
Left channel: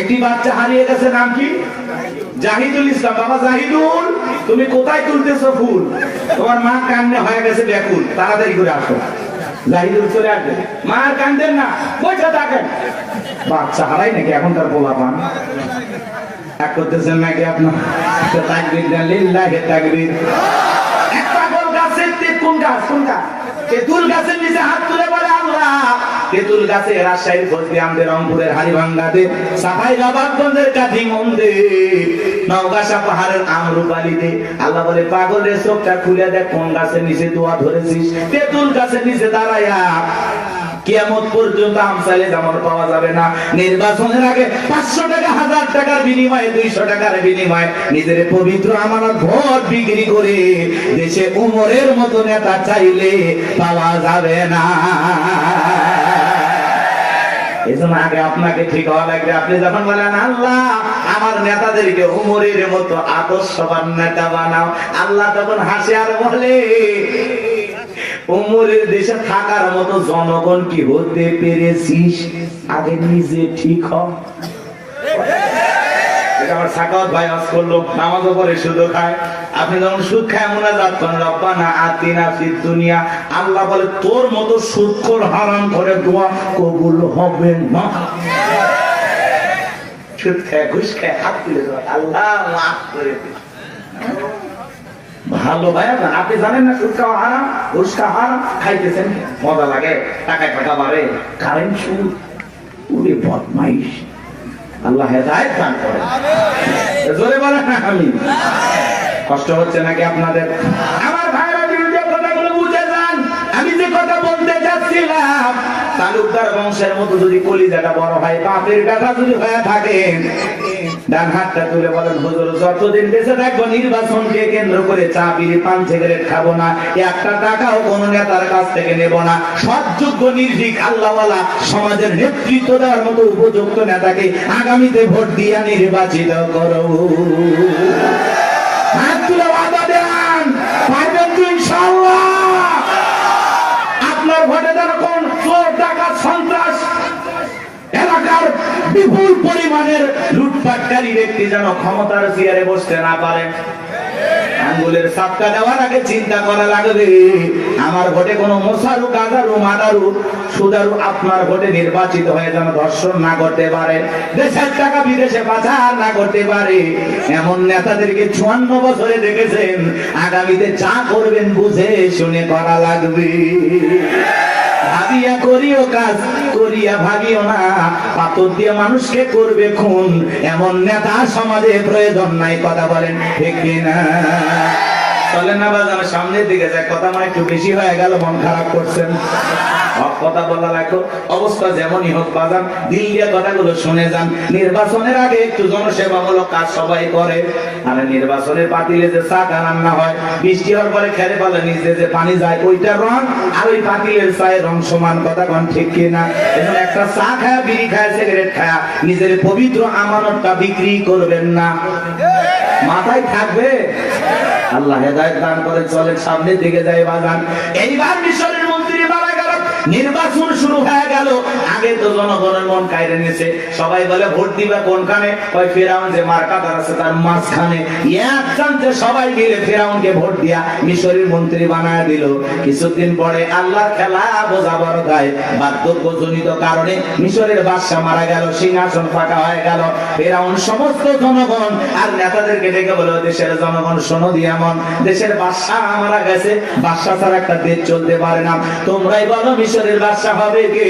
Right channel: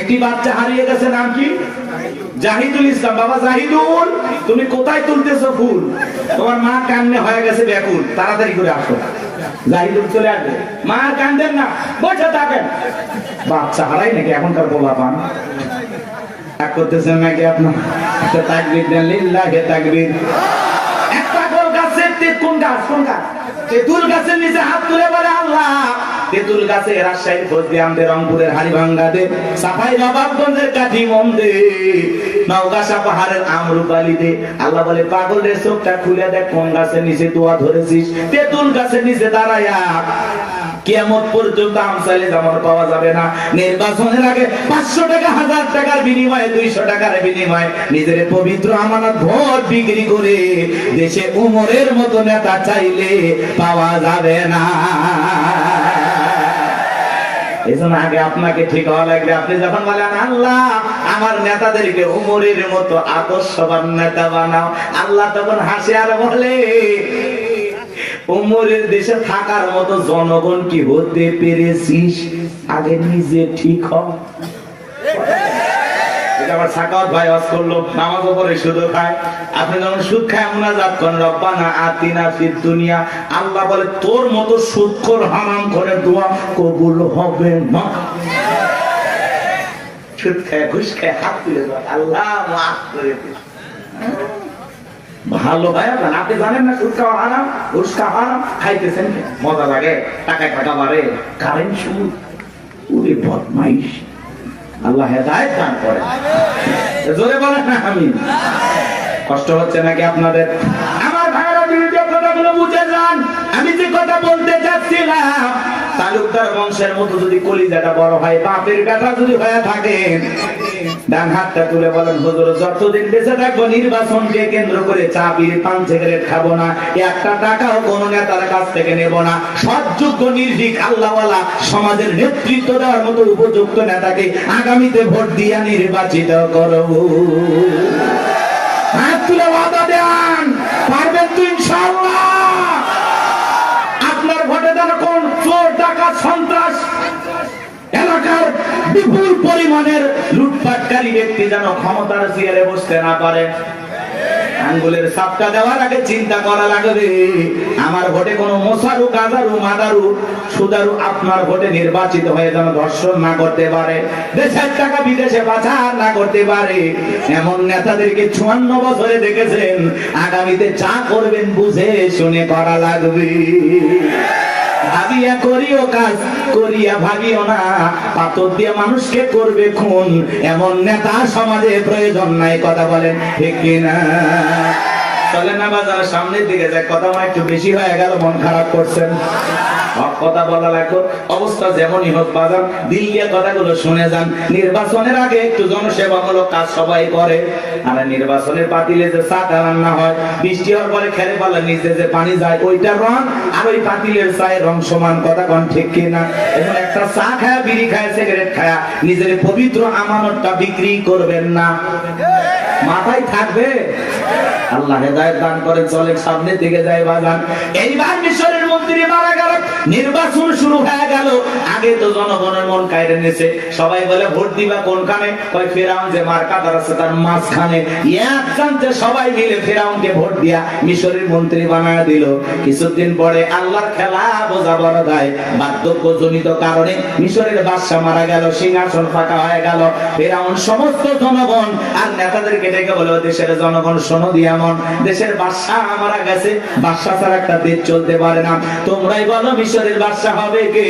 একটি বাচ্চা হারিয়ে গেছে, নাম কি? জাহিদুল ইসলাম। বাবা জাহিদুল, তুমি কোথায় তুলতেছো ফুল? তোমার মা কান্নে হয়ে গেছে ব্যাকুল, তাড়াতাড়ি করে আসো। জাহিদুল চলে আসবে, মা কান্দেন না, বসে থাকেন। বাচ্চা হারাই নাকি এখনকার বলা পান এক করতেছেন নাকি আপনার? তাকবীর দেন, লিল্লাহি তাকবীর। একটা গোল গাছে তেঁতুল গাছ, কোন গাছ? তেঁতুল গাছের নিচে হাত তুলে বলে আল্লাহ, তেঁতুল গাছে রাজশাহীর ফজলিয়ামদের, রংপুরের হাড়িভাঙ্গাতে, সাফাই নবাবগঞ্জের কাঠিমন্দে, নওগাঁ পাহাড়ের আমরুপালিতে। আল্লাহ বলে পাগলের চোখটা খুলে দেখ, কোন গাছের নিচে দোয়া ধরেছিস? তেঁতুল গাছের নিচে দাঁড়াইয়া। কিয়ামত পর্যন্ত আমসালে জামর পাওয়া যাবে না। নির্বাচনের আগে 500 টাকা, 1000 টাকার বিনিময়ে, 200 টাকার বিনিময়ে নিজের পবিত্র আমানত ভোট বিক্রি করে দেশে উমরের মতো নেতা চাইলে পাওয়া যাবে না। এজন্য আগে আপনাকে ঠিক হওয়া লাগবে। আপনি যখন বলেন আল্লাহ আমার নেতাদেরকে উমরের মতো আদর্শবান নেতা বানাও, আল্লাহ তখন হাসে আর বলে উমরের দেশে থাকার মতো জনগণ কি হতে পেরেছিস? আগে নিজে ঠিক হ। আমার সাকাওয়াত ভাই ওয়াজ করলো, নামাজও পড়ে সুদও খায়। আপনি যখন সুদ খায় মুনাজাত করেন রব্বানা আতিনা ফিদ দুনিয়া, আল্লাহ বলে তোর মতো সুদখোর হারাম করে দোয়া কবুল হবে না। সুদ খায় ঘুষ খায় হাত তুলে দেওয়া, আল্লাহ মাফ করে দিন। ভালো ভাই, আপনি জানেন না সুদ খাওয়া হারাম, ঘুষ খাওয়া হারাম, খাইতেছেন মজা লাগে, টাকায় টাকা বাড়ে, কারেন্ট সুদ, ওরে বদমাইশ। আল্লাহ হেদায়েত দান করেন। জোরে বলেন না আমিন। কষ্ট হচ্ছে নাকি আপনাদের? আমার ভাইরা ভিডিও কথাগুলো বুঝে যান। আমি যে কথা বলতে যাচ্ছিলাম, তালুকদার বংশের মতো যদি কলিজাটা বড় হয়, বাপের বেটা যদি হয়ে থাকেন, ডান হাতটা তুলে বলেন হুজুর যতদিন বেঁচে থাকবো নির্বাচনকে কেন্দ্র করে চা বিড়ি পান সিগারেট খাবো না, একটা টাকাও কোন নেতার কাছ থেকে নেব না, সৎযোগ্য নির্ভীক আল্লাহওয়ালা সমাজের নেতৃত্ব দেওয়ার মতো উপযুক্ত নেতাকে আগামীতে ভোট দিয়ে নির্বাচিত করব। হাত তুলে ওয়াদা দেন, পারবেন তো ইনশাআল্লাহ? আপনার ভোটে যেন কোন চোর ডাকাত সন্ত্রাস এলাকার বিপুল পরিমাণের লুটপাটকারী ব্যক্তি যেন ক্ষমতার চেয়ারে বসতে না পারে। আঙ্গুলের সাপটা দেওয়ার আগে চিন্তা করা লাগবে, আমার ভোটে কোনো মোসারু গাজারু মাদারু সুদারু আপনার ভোটে নির্বাচিত হয়ে যেন ধর্ষণ না করতে পারে, দেশের টাকা বিদেশে পাচার না করতে পারে। এমন নেতাদেরকে 54 বছরে দেখেছেন, আগামীতে যা করবেন বুঝে শুনে করা লাগবে। ভাবিয়া করিও কাজ, করিয়া ভাবিও না, পাথর দিয়ে মানুষকে করবে খুন, এমন নেতা সমাজে প্রয়োজন নাই। কথা বলেন ঠিক কিনা? চলে না বাজার সামনের দিকে যায়, কথা মানে একটু বেশি হয়ে গেল, মন খারাপ করছেন। কথা বলা লাগলো, অবস্থা যেমনই হোক বাজার দিল্লিয়া কথাগুলো শুনে যান। নির্বাচনের আগে একটু জনসেবামূলক কাজ সবাই করে, আর নির্বাচনের পাতিলে যে চা রান্না হয়, বৃষ্টি হওয়ার পরে খেলে পালে নিচে যে পানি যায়, ওইটার রং আর ওই পাতিলের চায়ের রং সমান। কথা কোন ঠিক কিনা? এখন একটা চা খায়, বিড়ি খায়, সিগারেট খায়, নিজের পবিত্র আমানতটা বিক্রি করবেন না। মাথায় থাকবে। আল্লাহ হেদায়েত দান করেন। চলেন সামনের দিকে যাই বাজান। এইবার মিশরের মন্ত্রী মারা গেল, নির্বাচন শুরু হয়ে গেল। আগে তো জনগণের মন কায়রে নিছে, সবাই বলে ভোট দিবা কোনখানে? কয় ফেরাউন যে মার্কাটার আছে তার মাঝখানে। এক চান্সে সবাই মিলে ফেরাউনকে ভোট দিয়া মিশরের মন্ত্রী বানায় দিল। কিছুদিন পরে আল্লাহর খেলা বোঝা বড় গায়, বার্ধক্যজনিত কারণে মিশরের বাদশা মারা গেল, সিংহাসন ফাঁকা হয়ে গেল। ফেরাউন সমস্ত জনগণ আর নেতাদেরকে ডেকে বলে, দেশের জনগণ শোনো দিয়া মন, দেশের বাদশা মারা গেছে, বাদশা ছাড়া একটা দেশ চলতে পারে না, তোমরাই বলো মিশরের বাদশা হবে কে?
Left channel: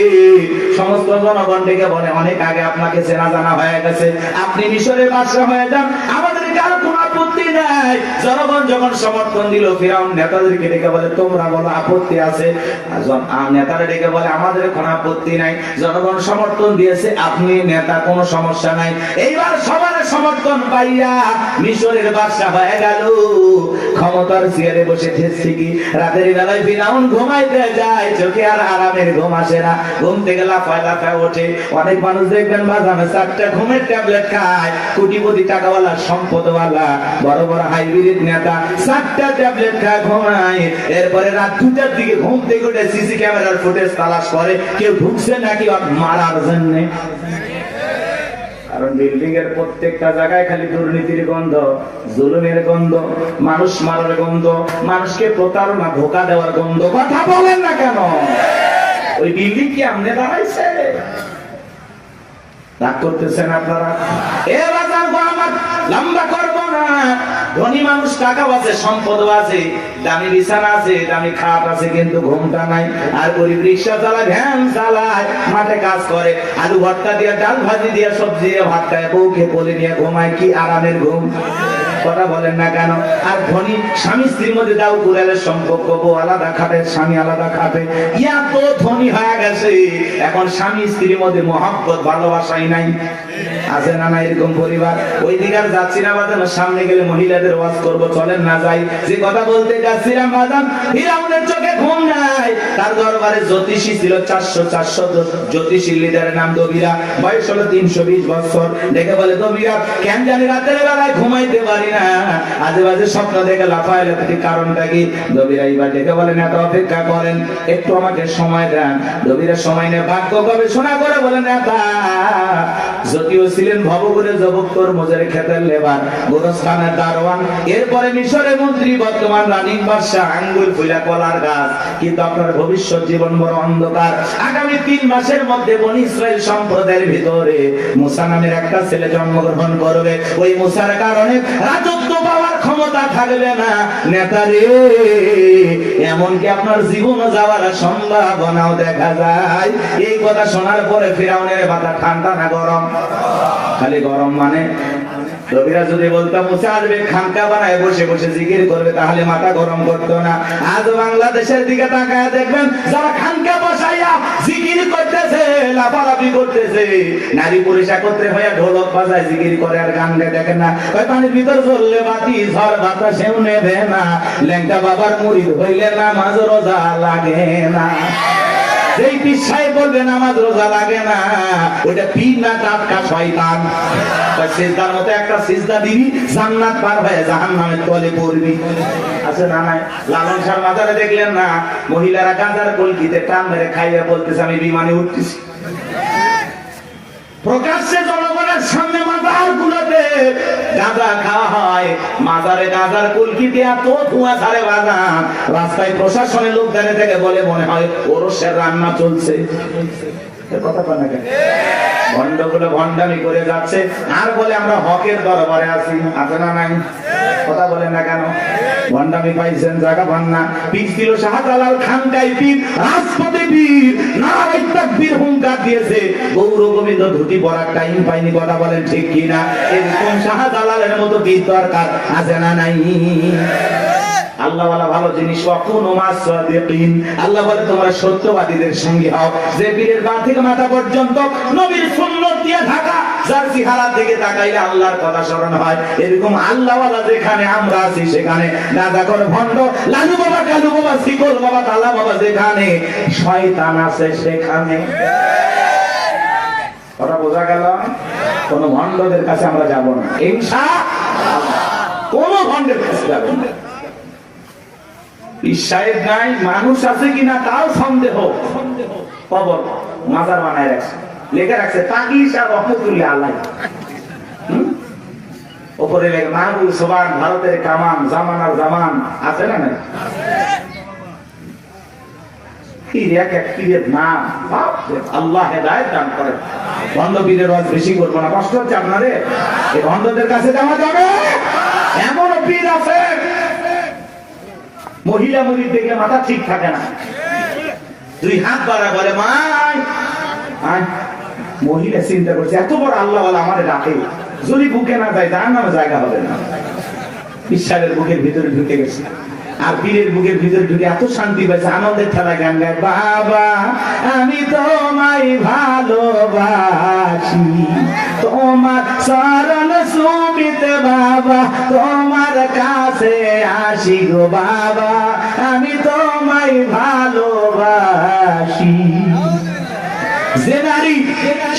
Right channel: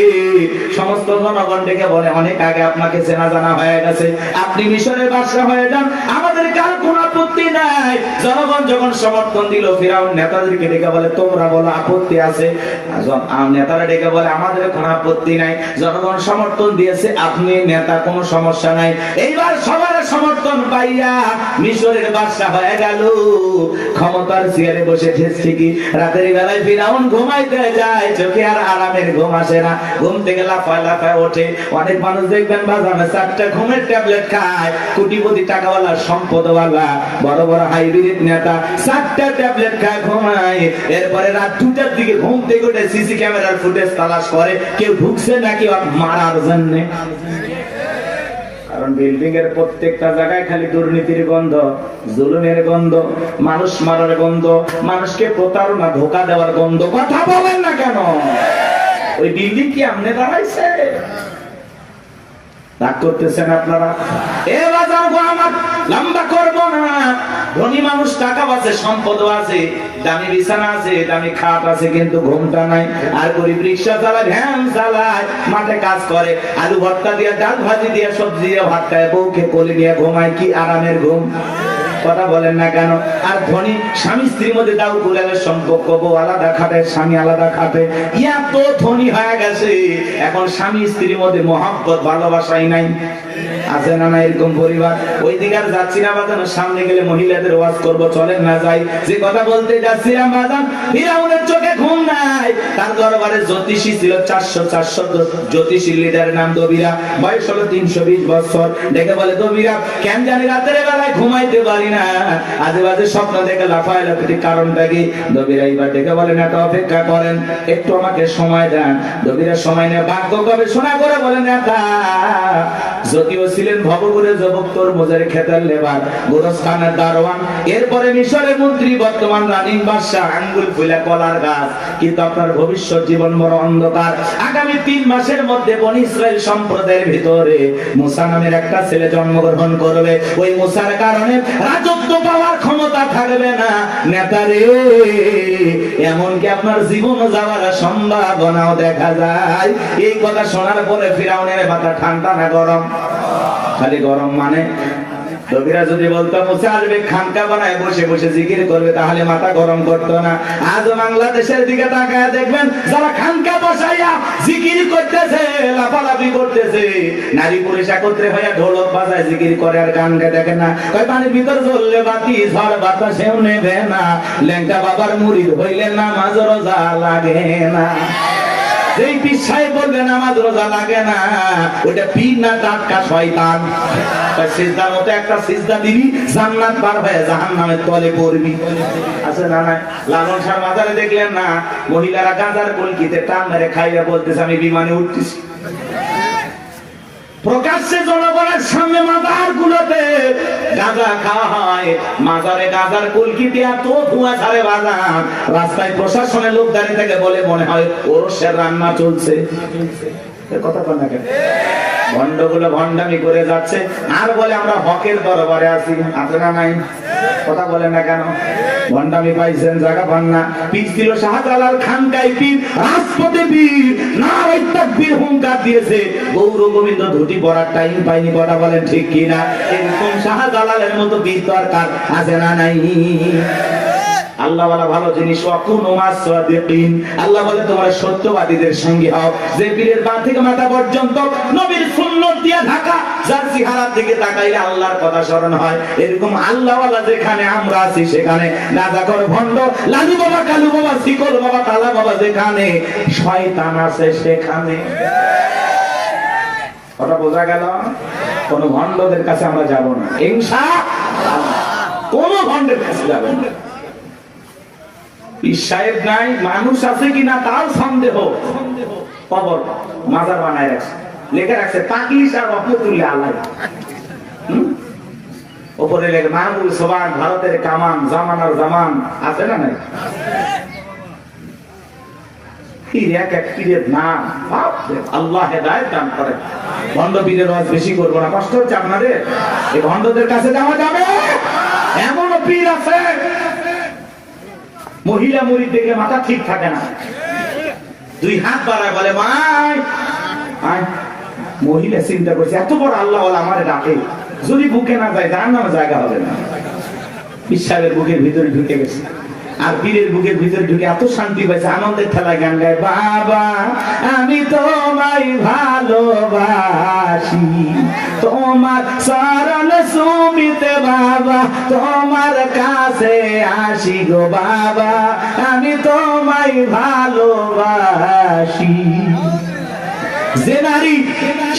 সমস্ত জনগণ ডেকে বলে, অনেক আগে আপনাকে চেনা জানা হয়ে গেছে, আপনি মিশরের বাদশা হয়ে যান, আমাদের কার কোনো আপত্তি নাই। জনগণ যখন সমর্থন দিল, ফিরাউন নেতাদেরকে ডেকে বলে, তোমরা বলো আপত্তি আছে? নেতারা ডেকে বলে, আমাদের কোনো আপত্তি নাই, জনগণ সমর্থন দিয়েছে, আপনি নেতা, কোনো সমস্যা নাই। এইবার সবার সমর্থন পাইয়া মিশরের বাদশা হয়ে গেল, ক্ষমতার চেয়ারে বসে ঠেসছে কি। রাতের বেলায় ফিরাউন ঘুমাইতে যায়, চোখে আর আরামের ঘুম আসে না, ঘুম থেকে লাফায় লাফায় ওঠে। অনেক মানুষ দেখবেন বাজানে 4টা ঘুমের ট্যাবলেট খায়, কোটিপতি টাকাওয়ালা সম্পদওয়ালা বড় বড় হাইব্রিড নেতা 4টা ট্যাবলেট খায়, ঘুমায়। এরপরে রাত 2টার দিকে ঘুম থেকে উঠে সিসি ক্যামেরার ফুটেজ তালাশ করে, কেউ ঢুকছে নাকি মারার জন্য। কারণ বিল্ডিং এর প্রত্যেকটা জায়গায় খালি দুর্নীতির গন্ধ, জুলুমের গন্ধ, মানুষ মারার গন্ধ, মানুষকে প্রতারণা ধোঁকা দেওয়ার গন্ধ। কথা বলেন না কেন? ওই বিল্ডিং কি আমনে দাঁড়াইছে? রাগ করতেছেন আপনারা? এ বাজার আমার লম্বা করব না। ধনী মানুষ টাকা আছে, সম্পদ আছে, দামি বিছানা আছে, দামি খাট আছে, কিন্তু ঘুমটা নাই। আর গরিব রিক্সা চালায়, ভ্যান চালায়, মাঠে কাজ করে, আলু ভর্তা দিয়ে, ডাল ভাজি দিয়ে, সবজি দিয়ে ভাত খায়, বউকে কোলে নিয়ে ঘুমায়, কি আরামের ঘুম। কথা বলেন না কেন? আর ধনী স্বামী স্ত্রীর মধ্যে দাও কুড়ালের সম্পর্ক, বউ আলাদা খাটে, স্বামী আলাদা খাটে, ইয়া তো ধনী হয়ে গেছে, এখন স্বামী স্ত্রীর মধ্যে মহব্বত ভালোবাসাই নাই। আছে না না এরকম পরিবার? ওই দিকে আর যাচ্ছি না আমাদের, সামনে গেলে মহিলাদের ওয়াজ করবো, চলেন না যাই। যে কথা বলতে যাচ্ছিলাম বাদাম, ফিরাউনের চোখে ঘুম নাই। তার দরবারে জ্যোতিষী ছিল 400 জ্যোতিষী লিডারের নাম দবিরা, বয়স হলো 320 বছর। দেখে বলে, দবিরা কেন জানি রাতের বেলায় ঘুমাইতে পারি না, আজে বাজে স্বপ্ন দেখে লাফায় লাফাতে, কারণটা কি? দবিরা এবার দেখে বলে, না তো অপেক্ষা করেন, একটু আমাকে সময় দেন। দবিরা সময় নিয়ে ভাগ্য গবেষণা করে বলে, না যদিও ছিলেন ভবঘুরে জবক্তর মুজের খেতের লেবার, গোরস্থানের দারোয়ান, এরপরে মিশরের মন্ত্রী, বর্তমান রানিং বাদশা, আঙ্গুল ফুলা কলার গাছ। কিন্তু আপনার ভবিষ্যৎ জীবন বড় অন্ধকার। আগামী 3 মাসের মধ্যে বনি ইসরাইল সম্প্রদায়ের ভিতরে মুসা নামের একটা ছেলে জন্মগ্রহণ করবে। ওই মুসার কারণে রাজত্ব পাওয়ার ক্ষমতা থাকবে না নেতারে, এমনকি আপনার জীবন যাওয়ার সম্ভাবনাও দেখা যায়। এই কথা শোনার পরে ফিরাউনের মাথা ঠান্ডা না গরম? খালি গরম। মানে লোকেরা যদি বলতো মুসা আসবে খানকা বানায় বসে বসে জিকির করবে, তাহলে মাথা গরম করতো না। আজ বাংলাদেশের দিকে তাকায় দেখবেন যারা খানকা বসাইয়া জিকির করতেছে, লাফালাফি করতেছে, নারী পুরুষ একত্রে হয়ে ঢোলক বাজায় জিকির করে আর গান গায়, দেখেন না কয় পানির ভিতর জ্বললে বাতি ঝড় বাতাসেও নেবে না, ল্যাংটা বাবার মুরিদ হইলে নামাজ রোজা লাগে না। যেই পীর সাহেব বলবে নামাজ রোজা লাগে না, ওটা পীর না টাটকা শয়তান। সিজদার মতো একটা সিজদা দিবি, জান্নাত পার হয়ে জাহান্নামের তলে পড়বি। আছে না নাই? লালন শাহ বাজারে দেখলেন না, মহিলারা গাঁজার কলকিতে টান মেরে খাইয়া বলতেছে আমি বিমানে উঠতেছি। প্রকাশ্যে জনগণের সামনে মাজার গুলোতে গাঁজা খাওয়া হয়, মাজারে গাঁজার কলকি দিয়া তো ধোঁয়া ছাড়ে বাজা। রাস্তায় প্রশাসনের লোক দাঁড়িয়ে থেকে বলে মনে হয় ওরসের রান্না চলছে। কথা বল না কেন? ভণ্ডগুলো ভণ্ডামি করে যাচ্ছে আর বলে আমরা হকের দরবারে আছি। আছে না নাই? কথা বলেন না কেন? ভণ্ডামি পাইছেন, জায়গা পান না। পিছ দিল শাহজালাল খানকাই পীর, রাজপথে পীর, নারায়ে তাকবীর হুঙ্কার দিয়েছে। গৌর গোবিন্দ ধুতি পরার টাইম পাইনি। কথা বলেন ঠিক কিনা? এরকম শাহজালালের মতো পীর দরকার আছে না নাই? আল্লাহ ওয়ালা ভালো জিনিস, ওয়াকুনু মাস-সাদিকিন। আল্লাহ বলে তোমরা সত্যবাদীদের সঙ্গে হও। যে পীরের পা থেকে মাথা পর্যন্ত নবীর সুন্নাত দিয়ে ঢাকা, যার চেহারার দিকে তাকাইলে আল্লাহর কথা স্মরণ হয়, এরকম আল্লাহ ওয়ালা যেখানে আমরা আছি সেখানে নাজাকর ভণ্ড, লালু বাবা, কালু বাবা, শিকল বাবা, তালা বাবা যেখানে, শয়তান আছে সেখানে। কথা বোঝা গেল? কোন ভণ্ডদের কাছে আমরা যাব না ইনশাআল্লাহ। কোন ভণ্ডের কাছে যাবেন না। সাহেব নাই, মানুষ আছে কিনা তাও সন্দেহ। কবর মাজার বানায় রাখছে, লেখা রাখছে তাকলিশ আর রহমতুল্লাহ আল্লাহ। উপরে লেখা মাহবুব সোবান, ভারতের কামান, জামানার জামান। আছে না নাই? আল্লাহ হেদায়েত দান করেন। ভণ্ড পীরের ওয়াজ বেশি করবো না, কষ্ট হচ্ছে আপনাদের। এই ভণ্ডদের কাছে যাওয়া যাবে? এমনও পীর আছে মহিলা মুরিদ দেখলে মাথা ঠিক থাকে না, 2 হাত বাড়ায় বলে মাই। মহিলা চিন্তা করছে এত বড় আল্লাহ আমারে ডাকে, যদি বুকে না যায় জাহান্নামে জায়গা হবে না। পীর সাহেবের বুকের ভিতরে ঢুকে গেছে, আর পীরের বুকের ভিতরে ঢুকে এত শান্তি পাইছে, আনন্দের ঠেলায় গান গায়, বাবা আমি তোমায় ভালোবাসি, তোমার চরণ ছুঁইতে বাবা তোমার কাছে আসি গো বাবা, আমি তোমায় ভালোবাসি। যে নারী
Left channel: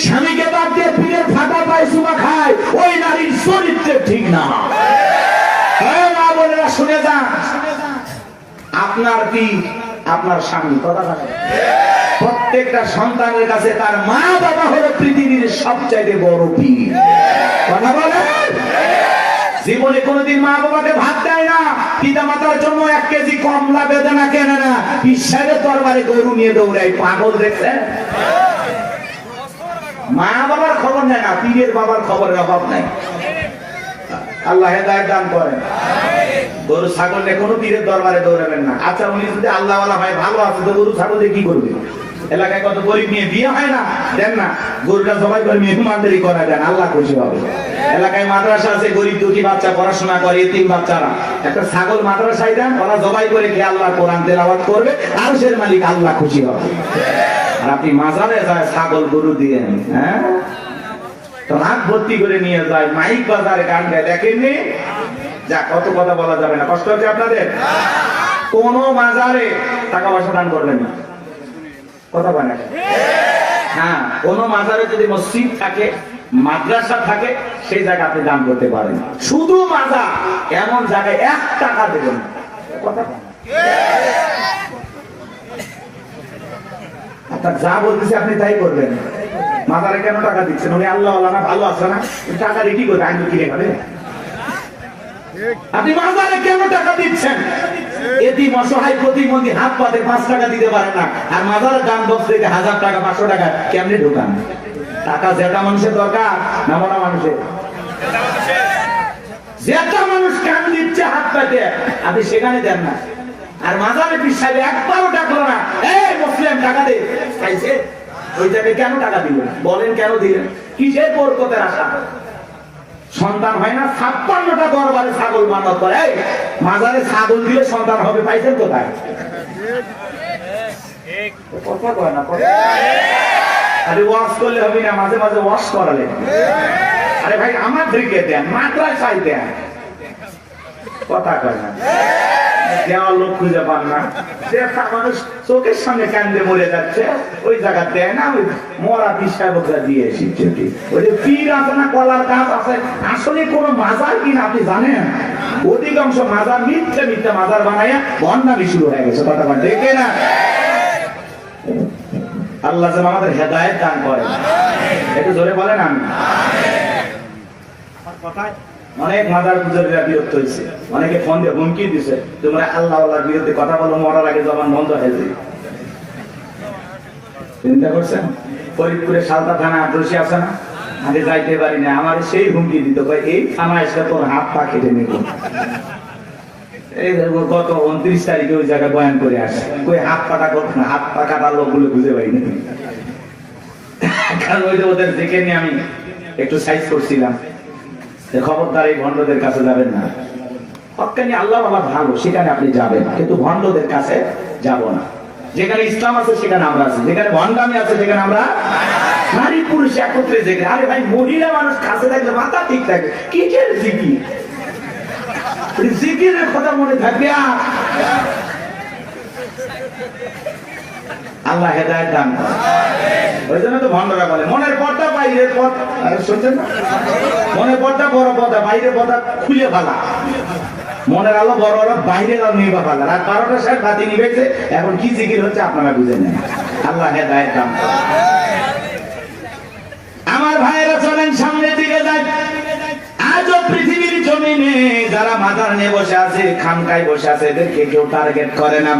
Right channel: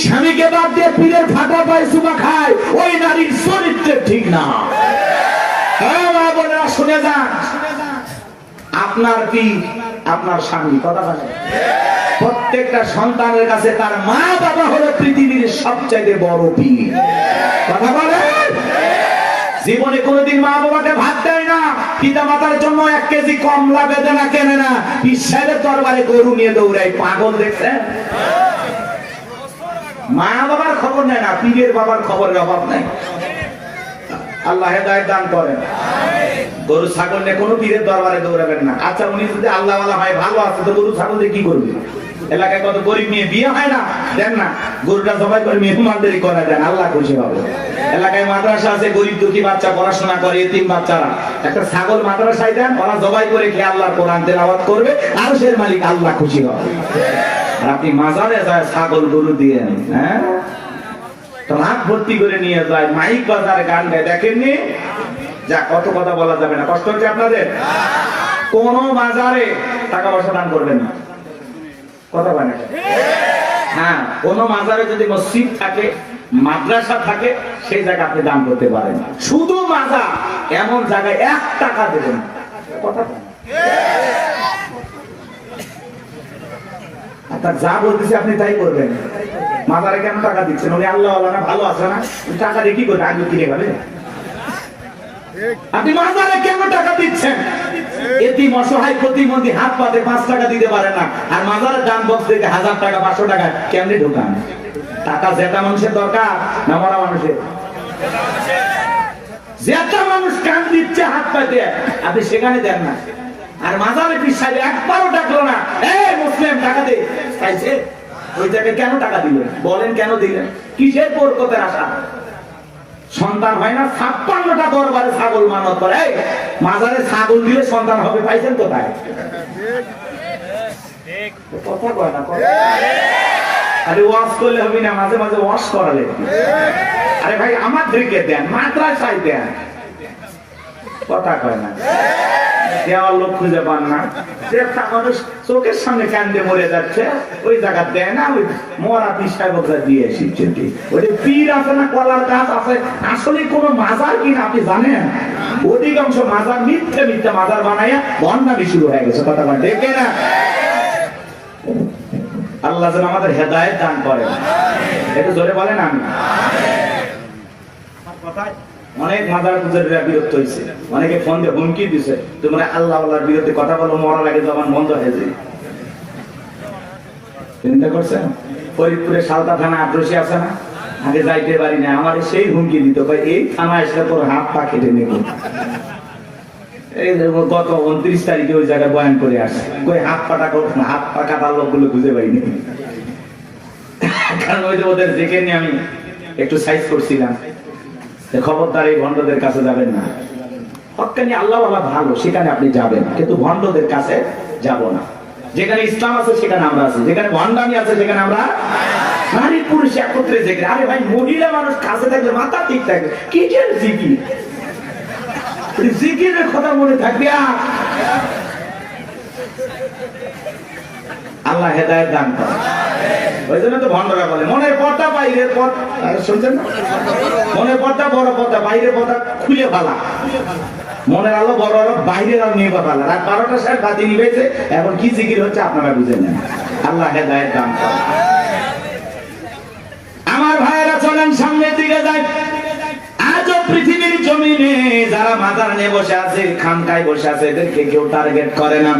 স্বামীকে বাদ দিয়ে পীরের ফাটা পায় চুমা খায়, ওই নারীর চরিত্র ঠিক না। শুনে যান, আপনার পীর আপনার স্বামী। কথা বলে প্রত্যেকটা সন্তানের কাছে তার মা বাবা হলো পৃথিবীর সবচাইতে বড় পীর। কথা বলে জীবনে কোনোদিন মা বাবাকে ভাত দেয় না, পিতা মাতার জন্য 1 কেজি কমলা বেদনা কেনে না, পীর সাহেবের দরবারে গরু নিয়ে দৌড়ায়। পাগল দেখছেন? মা বাবার খবর নেয় না, পীরের বাবার খবরের অভাব নাই। আল্লাহ হেদায়েত দান করেন। গরু ছাগল নিয়ে কোনো পীরের দরবারে দৌড়াবেন না। আচ্ছা উনি যদি আল্লাহ ওয়ালা হয়, ভালো আছে, তো গরু ছাগল দিয়ে কি করবে? এলাকায় কত গরিব নিয়ে বিয়ে হয় না, দেন না, গরুটা জবাই করে মেহমানদারি করা দেন, আল্লাহ খুশি হবে। এলাকায় মাদ্রাসা আছে, গরিব দুঃখী বাচ্চা পড়াশোনা করে, এতিম বাচ্চারা, একটা ছাগল মাদ্রাসায় দেন, ওরা জবাই করে কি আল্লাহ কোরআন তেলাওয়াত করবে, আরশের মালিক আল্লাহ খুশি হবে। আপনি মাজারে যায় ছাগল গরু দিয়ে, হ্যাঁ রাত ভর্তি করে নিয়ে যায়, মাইক বাজারে গান গায়, দেখেননি? যা কত কথা বলা যাবে না, কষ্ট হচ্ছে আপনাদের। কোন বাজারে টাকা পয়সা দান করবেন না। কথা বলে হ্যাঁ, কোন মাজারে যদি মসজিদ থাকে, মাদ্রাসা থাকে, সেই জায়গায় আপনি দান করতে পারেন। শুধু মাজার এমন জায়গায় 1 টাকা দেবেন। কথা আপনার যা বলতেছে আপনি তাই করবেন। মাজারে কেন টাকা দিচ্ছেন? উনি আল্লাহ না ভালো আছে না, টাকা দিয়ে কি করবে? আগে কিনে খাবে। আপনি মাজারে কেন টাকা দিচ্ছেন? এতিম অসহায় প্রতিবন্ধী হাত পাতে 5 টাকা দিতে পারে না, আর মাজারের দান বক্স থেকে 1000 টাকা 500 টাকা কেমনে ঢোকান? টাকা যেটা মানুষের দরকার না মরা মানুষের? যেটা মানুষ কান দিচ্ছে হাত পাতে, আপনি সেখানে দেন না। আর মাজারে পিছাইলে একবারও ডাকলো না, এই মুসলিম টাকা দে, চাইছে ওই জায়গায় কেন টাকা দিলেন? বলেন কেন দিলেন? কিসের বরকতের আশা? সন্তান হয় না, 56টা দরবারে ছাগল মানত করে, মাজারে ছাগল দিলে সন্তান হবে, পাইছেন কোথায়? কথা কয় না। আরে ওয়াশ করলে হবে না, মাঝে মাঝে ওয়াশ করালে। আরে ভাই আমাদেরকে দেন, মাদ্রাসায় দেন, কথা কয় না। দেওয়ার লোক খুঁজে পান না, একটা মানুষ চোখের সামনে কান্দে মরে যাচ্ছে, ওই জায়গা দেয় না, ওই মরা পিসা বোঝা দিয়ে এসেছে। ওই পীর আছে না, কলার গাছ আছে, আসলে কোন মাজার কিনা আপনি জানেন? অধিকাংশ মাজার মিথ্যে মিথ্যা মাজার বানায় বন্যামি শুরু হয়ে গেছে, কথা দেখে না। আল্লাহ যেন আমাদের হেদায়েত দান করেন, একটু জোরে বলেন আমি। আমার কথায় অনেক মাদার পূজারীরা বিরক্ত হয়েছে, অনেকে ফোন দিয়ে হুমকি দিছে, তোমরা আল্লাহ আল্লাহর বিরুদ্ধে কথা বলো, মরার আগে জবান বন্ধ হয়েছে। চিন্তা করছেন? ফরিদপুরে সালতা থানা আক্রোশী আছে না, আগে যাইতে পারি না, আমার সেই হুমকি দিত, এই থানা এসে তোর হাত পা কেটে নেব। এই গত 29 তারিখে ওই জায়গায় বয়ান করে আসছে, কই হাত পাটা করতো না, হাত পা কাটার লোকগুলো বুঝে পাইনি। কারণ ওই যে ওদের দেখে নিয়ে আমি একটু সাইজ করছিলাম, খবরদার এই ভণ্ডদের কাছে যাবেন না। হক্কানি আল্লাহ আল্লাহ ভালো, সেখানে আপনি যাবেন, কিন্তু ভণ্ডদের কাছে যাব না। যেখানে ইসলাম আছে সেখানে আমরা আছি, যেখানে ভণ্ডামি আছে সেখানে আমরা নারী পুরুষ একত্রে যেখানে। আরে ভাই, মহিলা মানুষ কাছে থাকলে মাথা ঠিক থাকে, কিসের জিকির? জিকিরের কথা মনে থাকবে। আল্লাহ হেদায়েত দান করেন। ওই জন্য তো ভণ্ডরা বলে মনের পর্দা বাইরের পর্দা, শুনছেন না? মনের পর্দা বড় পর্দা, বাইরের পর্দা খুলে ফেলা। মনের আলো বড় হলো, বাইরের আলো নিয়ে ফেলা। রাত 12টার সময় বাতি নিবেছে, এখন কি জিকির হচ্ছে আপনারা বুঝে নেন। আল্লাহ হেদায়েত দান করেন। আমার ভাইয়েরা চলেন সামনের দিকে যাই। আজও পৃথিবীর জমিনে যারা মাজার নিয়ে বসে আছে, খামকায় বসে আছে, এদেরকে কেউ টার্গেট করে না।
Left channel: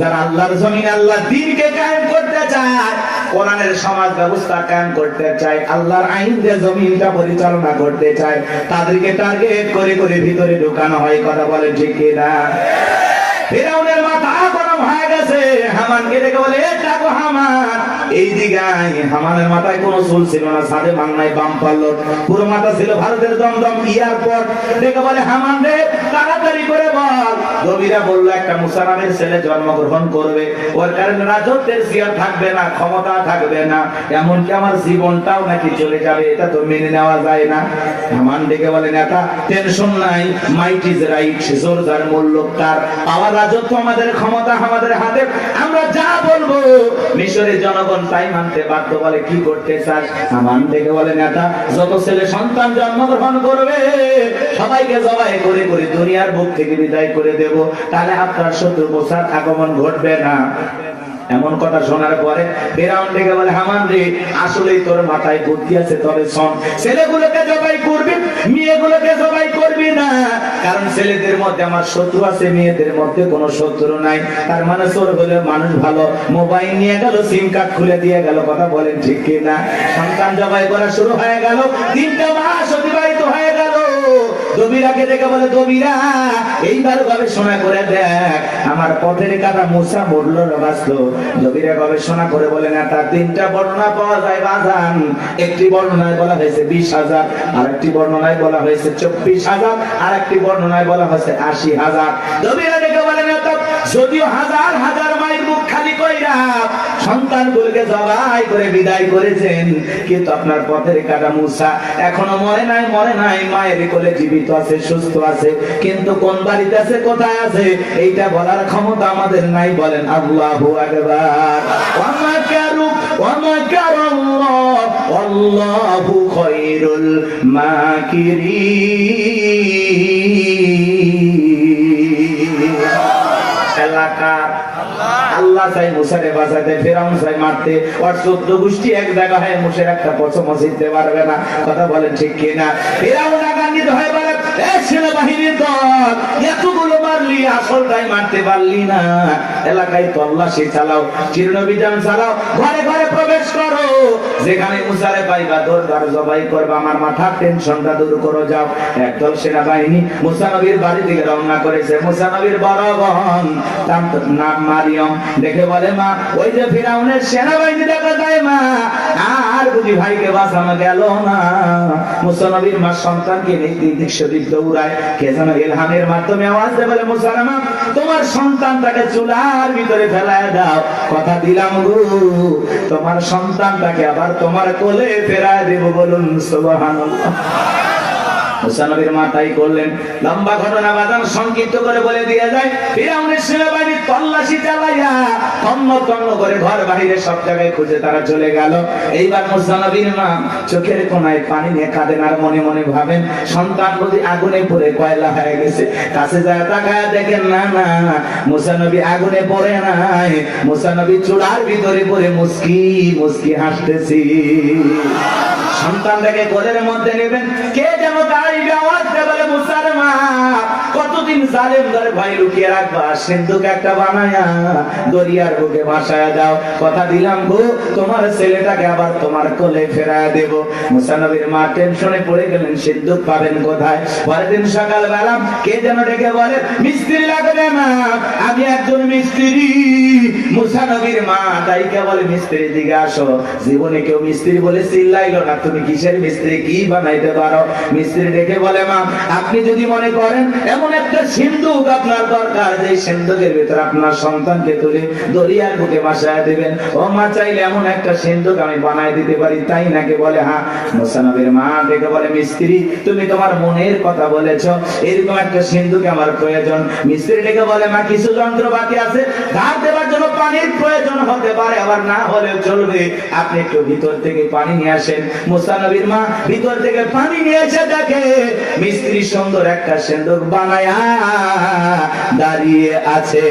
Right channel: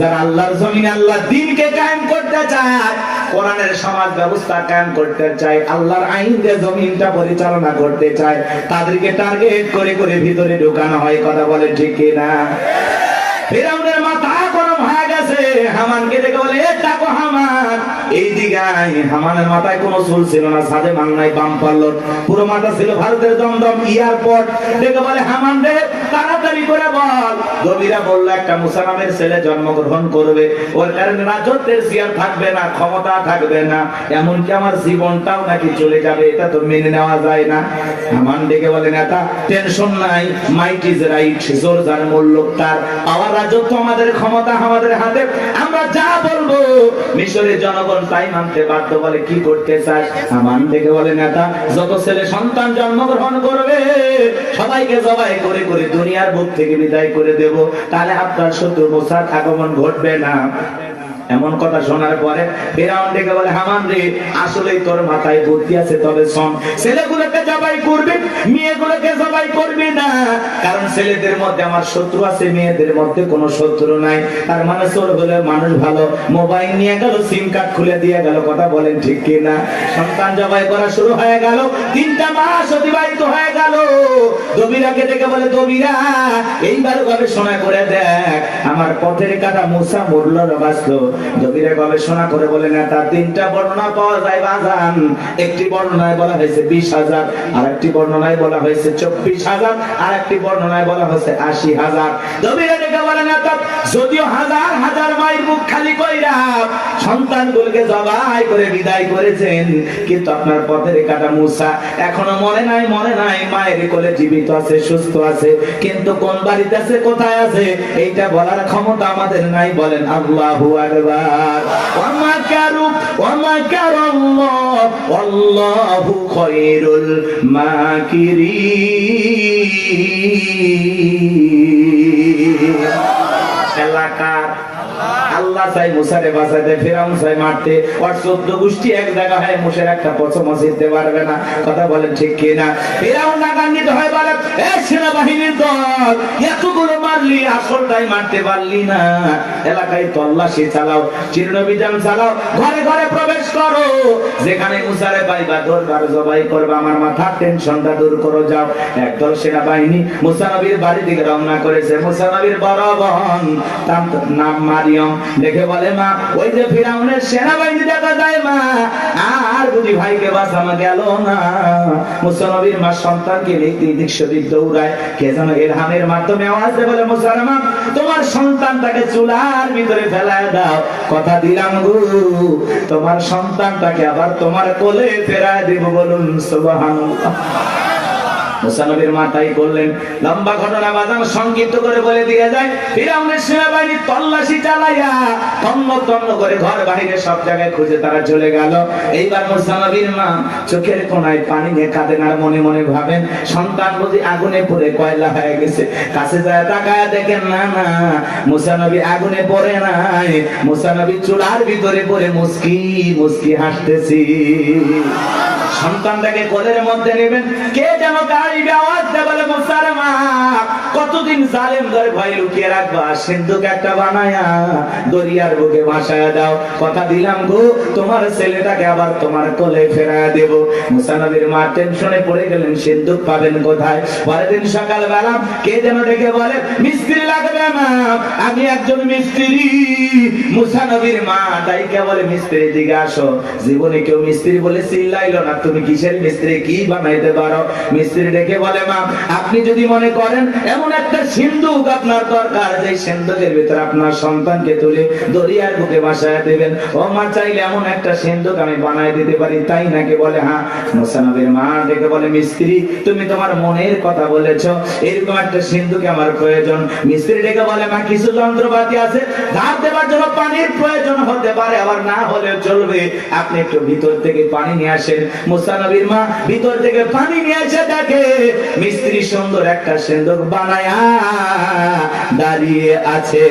যারা আল্লাহর জমিনে আল্লাহ দ্বীনকে কায়েম করতে চায়, কোরআনের সমাজ ব্যবস্থা কায়েম করতে চায়, আল্লাহর আইন দিয়ে জমিনটা পরিচালনা করতে চায়, তাদেরকে টার্গেট করে করে ভিতরে ঢুকানো হয়। কথা বলে ঠিক কিনা? ফিরআউনের মাথা গরম হয়ে গেছে, হামানকে দেখে বলে, এ ডাকো হামান, এই দিগায়। হামানের মাথায় কোনো চুল ছিল না, সাদে মাল নাই, বাম পাল্লো, পুরো মাথা ছিল ভারতের দমদম এয়ারপোর্ট। দেখে বলে, হামান রে, তাড়াতাড়ি করে বল। নবীরা বলল, একটা মুসা নামের ছেলে জন্মগ্রহণ করবে, ওর কারণে রাজত্বের চেয়ার থাকবে না, ক্ষমতা থাকবে না, এমনকি আমার জীবনটাও নাকি চলে যাবে, এটা তো মেনে নেওয়া যায় না। হামান দেখে বলে, নেতা টেনশন নাই, মাইট ইজ রাইট, জোর যার মূল্য তার, পাওয়ার রাজত্ব আমাদের, ক্ষমতা আমাদের হাতে, আমরা যা বলবো মিশরের জনগণ তাই মানতে বাধ্য। বলে, কি করতে চাস? হামান দেখে বলে, নেতা যত ছেলে সন্তান জন্মগ্রহণ করবে সবাইকে জবাই করে করে দুনিয়ার বুক থেকে বিদায় করে দেব, তাহলে আপনার শত্রু মুসার আগমন ঘটবে না। এমন কথা শোনার পরে ফিরআউন ডেকে বলে, হামান রে, আসলেই তোর মাথায় বুদ্ধি আছে, তবে শোন, ছেলেগুলোকে জবাই করবি, মেয়েগুলোকে জবাই করবি না, কারণ ছেলেদের মধ্যে আমার শত্রু আছে, মেয়েদের মধ্যে কোনো শত্রু নাই। তার মানে চোর বলে মানুষ ভালো, মোবাইল নিয়ে গেল, সিম কার্ড খুলে দিয়ে গেল। কথা বলেন ঠিক কিনা? সন্তান জবাই করা শুরু হয়ে গেল, 3টা মাস অতিবাহিত হয়ে গেল। জমিরাকে দেখে বলে, জমিরা এইবার গবেষণা করে দেখ, আমার পথের কাটা মুসা মরল না বাঁচলো। জমিরা গবেষণা করে বলে, না, তার 3টা বর্ণনা পাওয়া যায় বাজান। একটি বর্ণনায় বলা হয়েছে 20,000, আর একটি বর্ণনায় বলা হয়েছে 24,000, আর একটি বর্ণনায় বলা হয়েছে 80,000। জমিরা দেখে বলে, না, তো যদিও হাজার হাজার মায়ের মুখ খালি কইরা সন্তানগুলোকে জবাই করে বিদায় করেছেন, কিন্তু আপনার পথের কাটা মুসা এখনো মরে নাই, মরে নাই, মায়ের কোলে জীবিত আছে, সুস্থ আছে, কিন্তু কোন বাড়িতে আছে, কোথায় আছে, এইটা বলার ক্ষমতা আমাদের নাই। বলেন আল্লাহু আকবার। ওয়া মাকারু ওয়া মাকারাল্লাহ ওয়াল্লাহু খায়রুল মাকিরিন। এলাকার আল্লাহ চাই মুসারে বাঁচাতে, ফেরাউন ফেরাউন চাই মারতে, ওর 14 গোষ্ঠী এক জায়গা হয় মুসের একটা পছন্দ জিততে পারবে না। কথা বলেন ঠিক কিনা? ফেরাউন রাগান্বিত হয় বলে, এ সেনাবাহিনীর দল, এতগুলো মারলি আসলটাই মারতে পারলি না। এলাকায় তল্লাশি চালাও, চিরনবিধান চালাও, ঘরে ঘরে প্রবেশ করো, যেখানে মুসারে পাইবা দরবার জবাই করবা, আমার মাথার টেনশনটা দূর করো যাও। একদল সেনাবাহিনী মুসা নবীর বাড়ি দিকে রওনা করেছে। মুসা নবীর বড় বোন নাম মারিয়ম দেখে বলে, মা ওই যে ফিরাউনের সেনাবাহিনী দেখা যায় মা, আর বুঝি ভাইকে বাঁচানো গেল না। মুসা নবীর মা সন্তানকে নিয়ে দৃশ্যবিদ দৌড়ায়, কে যেন ইলহামের মাধ্যমে আওয়াজ দেয়, বলে মুসা মা তোমার সন্তানটাকে চুলার ভিতরে ফেলায় দাও, কথা দিলাম গো তোমার সন্তানটাকে আবার তোমার কোলে ফেরায় দেব, বলুন সুবহানাল্লাহ। মুসা নবীর মা তাই করলেন। লম্বা ঘটনা বাদাম সংক্ষিপ্ত করে বলে দিয়ে যায়, ফিরাউনের সেনাবাহিনী তল্লাশি চালাইয়া তন্ন তন্ন করে ঘর বাহিরে সব জায়গায় খুঁজে তারা চলে গেল। এইবার মুসা নবীর মা চোখের কোনায় পানি নিয়ে কাঁদেন আর মনে মনে ভাবেন, সন্তান বুঝি আগুনে পড়ে কয়লা হয়ে গেছে। কাছে যায় তাকায় দেখেন, না না, মুসা নবী আগুনে পড়ে নাই, মুসা নবী চুলার ভিতরে পড়ে মুস্কি মুস্কি হাসতেছি। সন্তানটাকে কোলের মধ্যে নেবেন, কে যেন গাইবে আওয়াজ দেয়, বলে মুসার মা কতদিন জালেম ধরে ভয় লুকিয়ে রাখবা, সিন্ধুক একটা বানায়া দরিয়ার বুকে ভাসায়া দাও, কথা দিলাম গো তোমার ছেলেটাকে আবার তোমার কোলে ফেরায়া দেব। মুসা নবীর মা টেনশনে পড়ে গেলেন, সিন্ধুক পাবেন কোথায়? পরের দিন সকালবেলা কে যেন ডেকে বলে, মিস্ত্রি লাগবে না, আমি একজন মিস্ত্রি। মুসা নবীর মা ডাইকে বলে, মিস্ত্রি দিকে আসো। জীবনে কেউ মিস্ত্রি বলে চিল্লাইলো না, তুমি কিসের মিস্ত্রি, কি বানাইতে পারো? মিস্ত্রি ডেকে বলে, মা আপনি যদি মনে করেন এমন একটা সিন্ধুক আপনার দরকার, যে সিন্ধুকের ভিতরে আপনার সন্তানকে তুলে দরিয়ার বুকে ভাসায় দেবেন, ও মা চাইলে এমন একটা সিন্ধুক আমি বানাই দিতে পারি, তাই নাকি? বলে হ্যাঁ। মুসা নবীর মা ডেকে বলে, মিস্ত্রি তুমি তোমার মনের কথা বলেছো, এরকম একটা সিন্ধুক আমার প্রয়োজন। মিস্ত্রি ডেকে বলে, মা কিছু যন্ত্রপাতি আছে, ধার দেওয়ার জন্য পানির প্রয়োজন হতে পারে, আবার না হলেও চলবে, আপনি একটু ভিতর থেকে পানি নিয়ে আসেন। মুসা নবীর মা ভিতর থেকে পানি নিয়ে এসে দেখে মিস্ত্রি সুন্দর একটা সিন্ধুক বানায়া দাঁড়িয়ে আছে।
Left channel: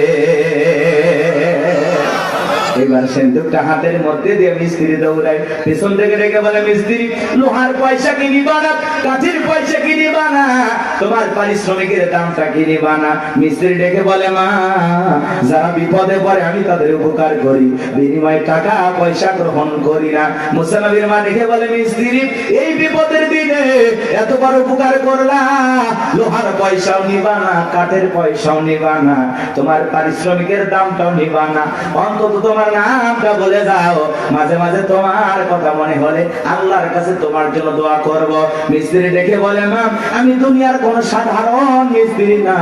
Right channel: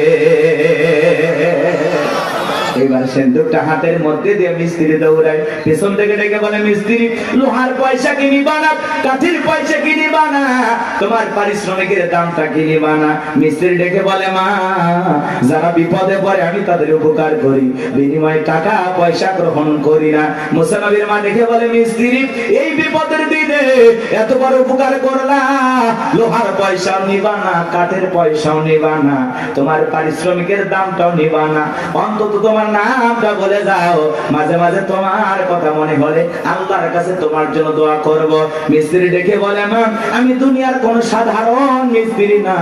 এবার সিন্ধুকটা হাতের মধ্যে দিয়ে মিস্ত্রি দৌড়ায়, পেছন থেকে ডেকে বলে, মিস্ত্রি লোহার পয়সা কি নিবা না, কাঠির পয়সা কি নিবা না, তোমার পারিশ্রমিকের দামটা কি নিবা না? মিস্ত্রি ডেকে বলে, মা যারা বিপদে পড়ে আমি তাদের উপকার করি, বিনিময়ে টাকা পয়সা গ্রহণ করি না। মুসা নবীর মা ডেকে বলে, মিস্ত্রি এই বিপদের দিনে এত বড় উপকার করলা, লোহার পয়সাও নিবা না, কাঠের পয়সাও নিবা না, তোমার পারিশ্রমিকের দামটাও নিবা না, অন্তত তোমার নামটা বলে যাও, মাঝে মাঝে তোমার কথা মনে হলে আল্লাহর কাছে তোমার জন্য দোয়া করব। মিস্ত্রি ডেকে বলে, মা আমি দুনিয়ার কোন সাধারণ মিস্ত্রি না,